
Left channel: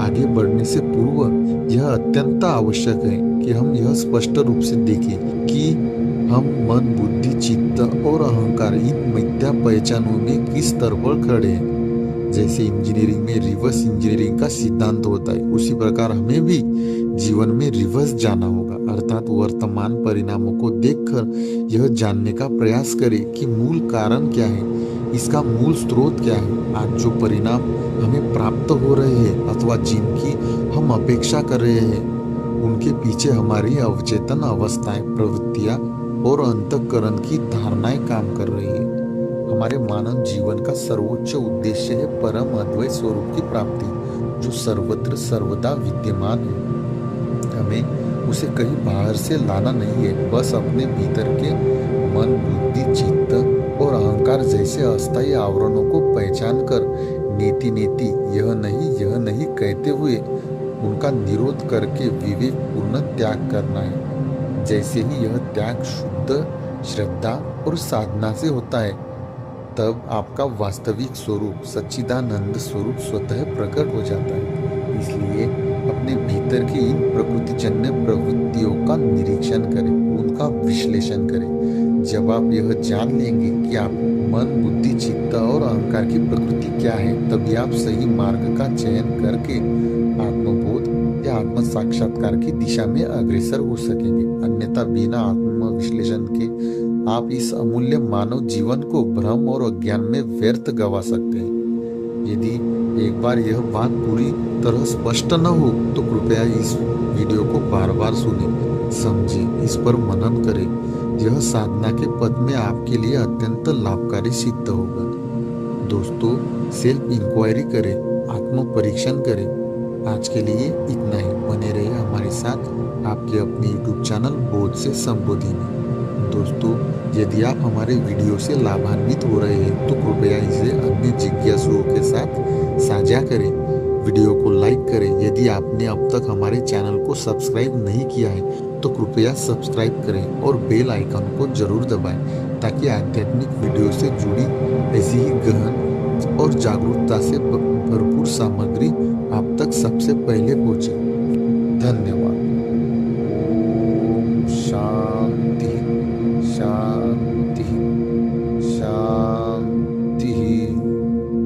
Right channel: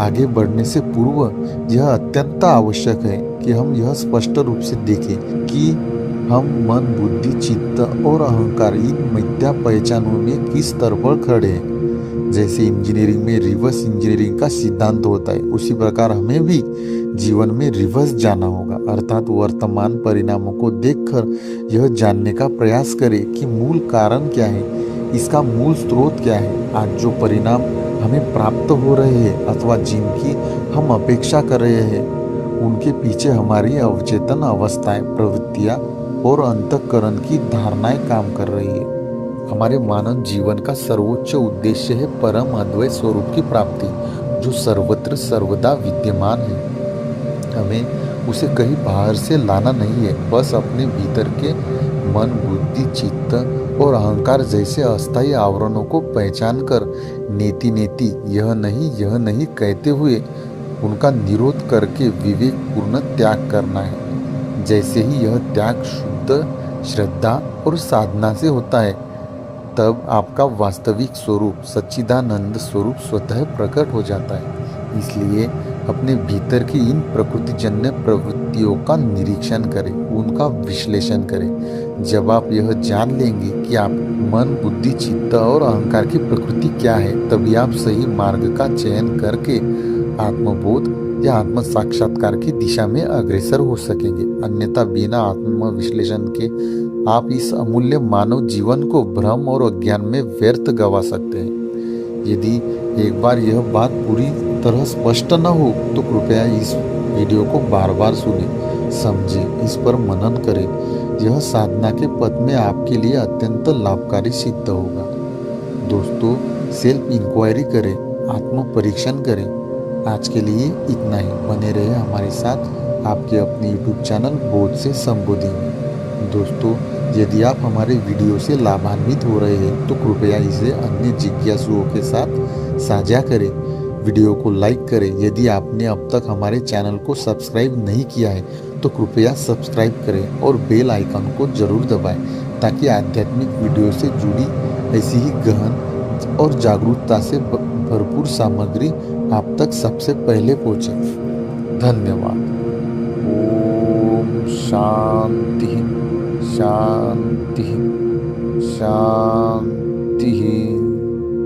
आगे बढ़ने से पूर्व यह अत्यंत आवश्यक है कि हम यह स्पष्ट रूप से देखें कि हम मन, बुद्धि, चित्त और अहंकार इन मिथ्या पहचानों में किस स्तर पर खड़े हैं। जैसे इंजीनियरिंग में रिवर्स इंजीनियरिंग का सिद्धांत होता है, उसी प्रकार हमें भी जीवन में रिवर्स जाना होगा, अर्थात वर्तमान परिणामों को देखकर यह जानने का प्रयास करें कि मूल कारण क्या है, इसका मूल स्रोत क्या है। आज जो परिणाम हमें प्राप्त हो रहे हैं अथवा जिनकी हम अपेक्षा कर रहे हैं, उनके पीछे हमारी अवचेतन अवस्थाएं, प्रवृत्तियां और अंतःकरण की धारणाएं काम कर रही है। हमारे मानव जीवन का सर्वोच्च उद्देश्य है परम अद्वैत स्वरूप की प्राप्ति, जो सर्वत्र सर्वदा विद्यमान है। हमें उसे कहीं बाहर से लाना नहीं है, बस अपने भीतर के मन, बुद्धि, चित्त और अहंकार जैसे अस्थायी आवरणों को पहचान कर नेति नेति यह नहीं कहते हुए उनका निरोध करके विवेक पूर्ण त्याग करना है। जैसे ही यह त्याग शुद्ध श्रद्धा और साधना से होता है, तब आपका वास्तविक स्वरूप सच्चिदानंद स्वरूप स्वतः प्रकट हो जाता है। इसलिए अपने भीतर की इन प्रकृतिजन्य प्रवृत्तियों का निरीक्षण करें, उनका विश्लेषण करें। जब आप यह जान लेंगे कि आप मन, बुद्धि, चित्त और अहंकार की प्रकृति क्या है, तभी आप सही मार्ग का चयन करके आत्मबोध या आत्म साक्षात्कार की दिशा में अग्रसर हो सकेंगे। अन्यथा बिना आत्म विश्लेषण के आप इस अमूल्य मानव जीवन को भ्रम और अज्ञान में व्यर्थ गवा सकते हैं। यदि एक बार यह बात पूरी तरह स्पष्ट न हो तो कृपया इस वीडियो को बार बार सुनें, समझें, इस पर मनन करें। यह साधना के पथ में आपके लिए अत्यंत लाभकारी सिद्ध होगा। दोस्तों, सेल्फ इंक्वायरी करें, आत्म परीक्षण करें। आज के लिए इतना ही। बने रहे हमारे साथ आपके अपने YouTube चैनल बोध से संबोधि में। दोस्तों, यदि आप हमारे वीडियो से लाभान्वित हो रहे हैं तो कृपया इसे अन्य जिज्ञासुओं के साथ साझा करें। वीडियो को लाइक करें। यदि आपने अब तक हमारे चैनल को सब्सक्राइब नहीं किया है तो कृपया सब्सक्राइब करें और बेल आइकन को जरूर दबाएं, ताकि आध्यात्मिक वीडियो से जुड़ी ऐसी ही गहन और जागरूकता से भरपूर सामग्री आप तक सबसे पहले पहुंचे। धन्यवाद। ओम शांति शांति शांति।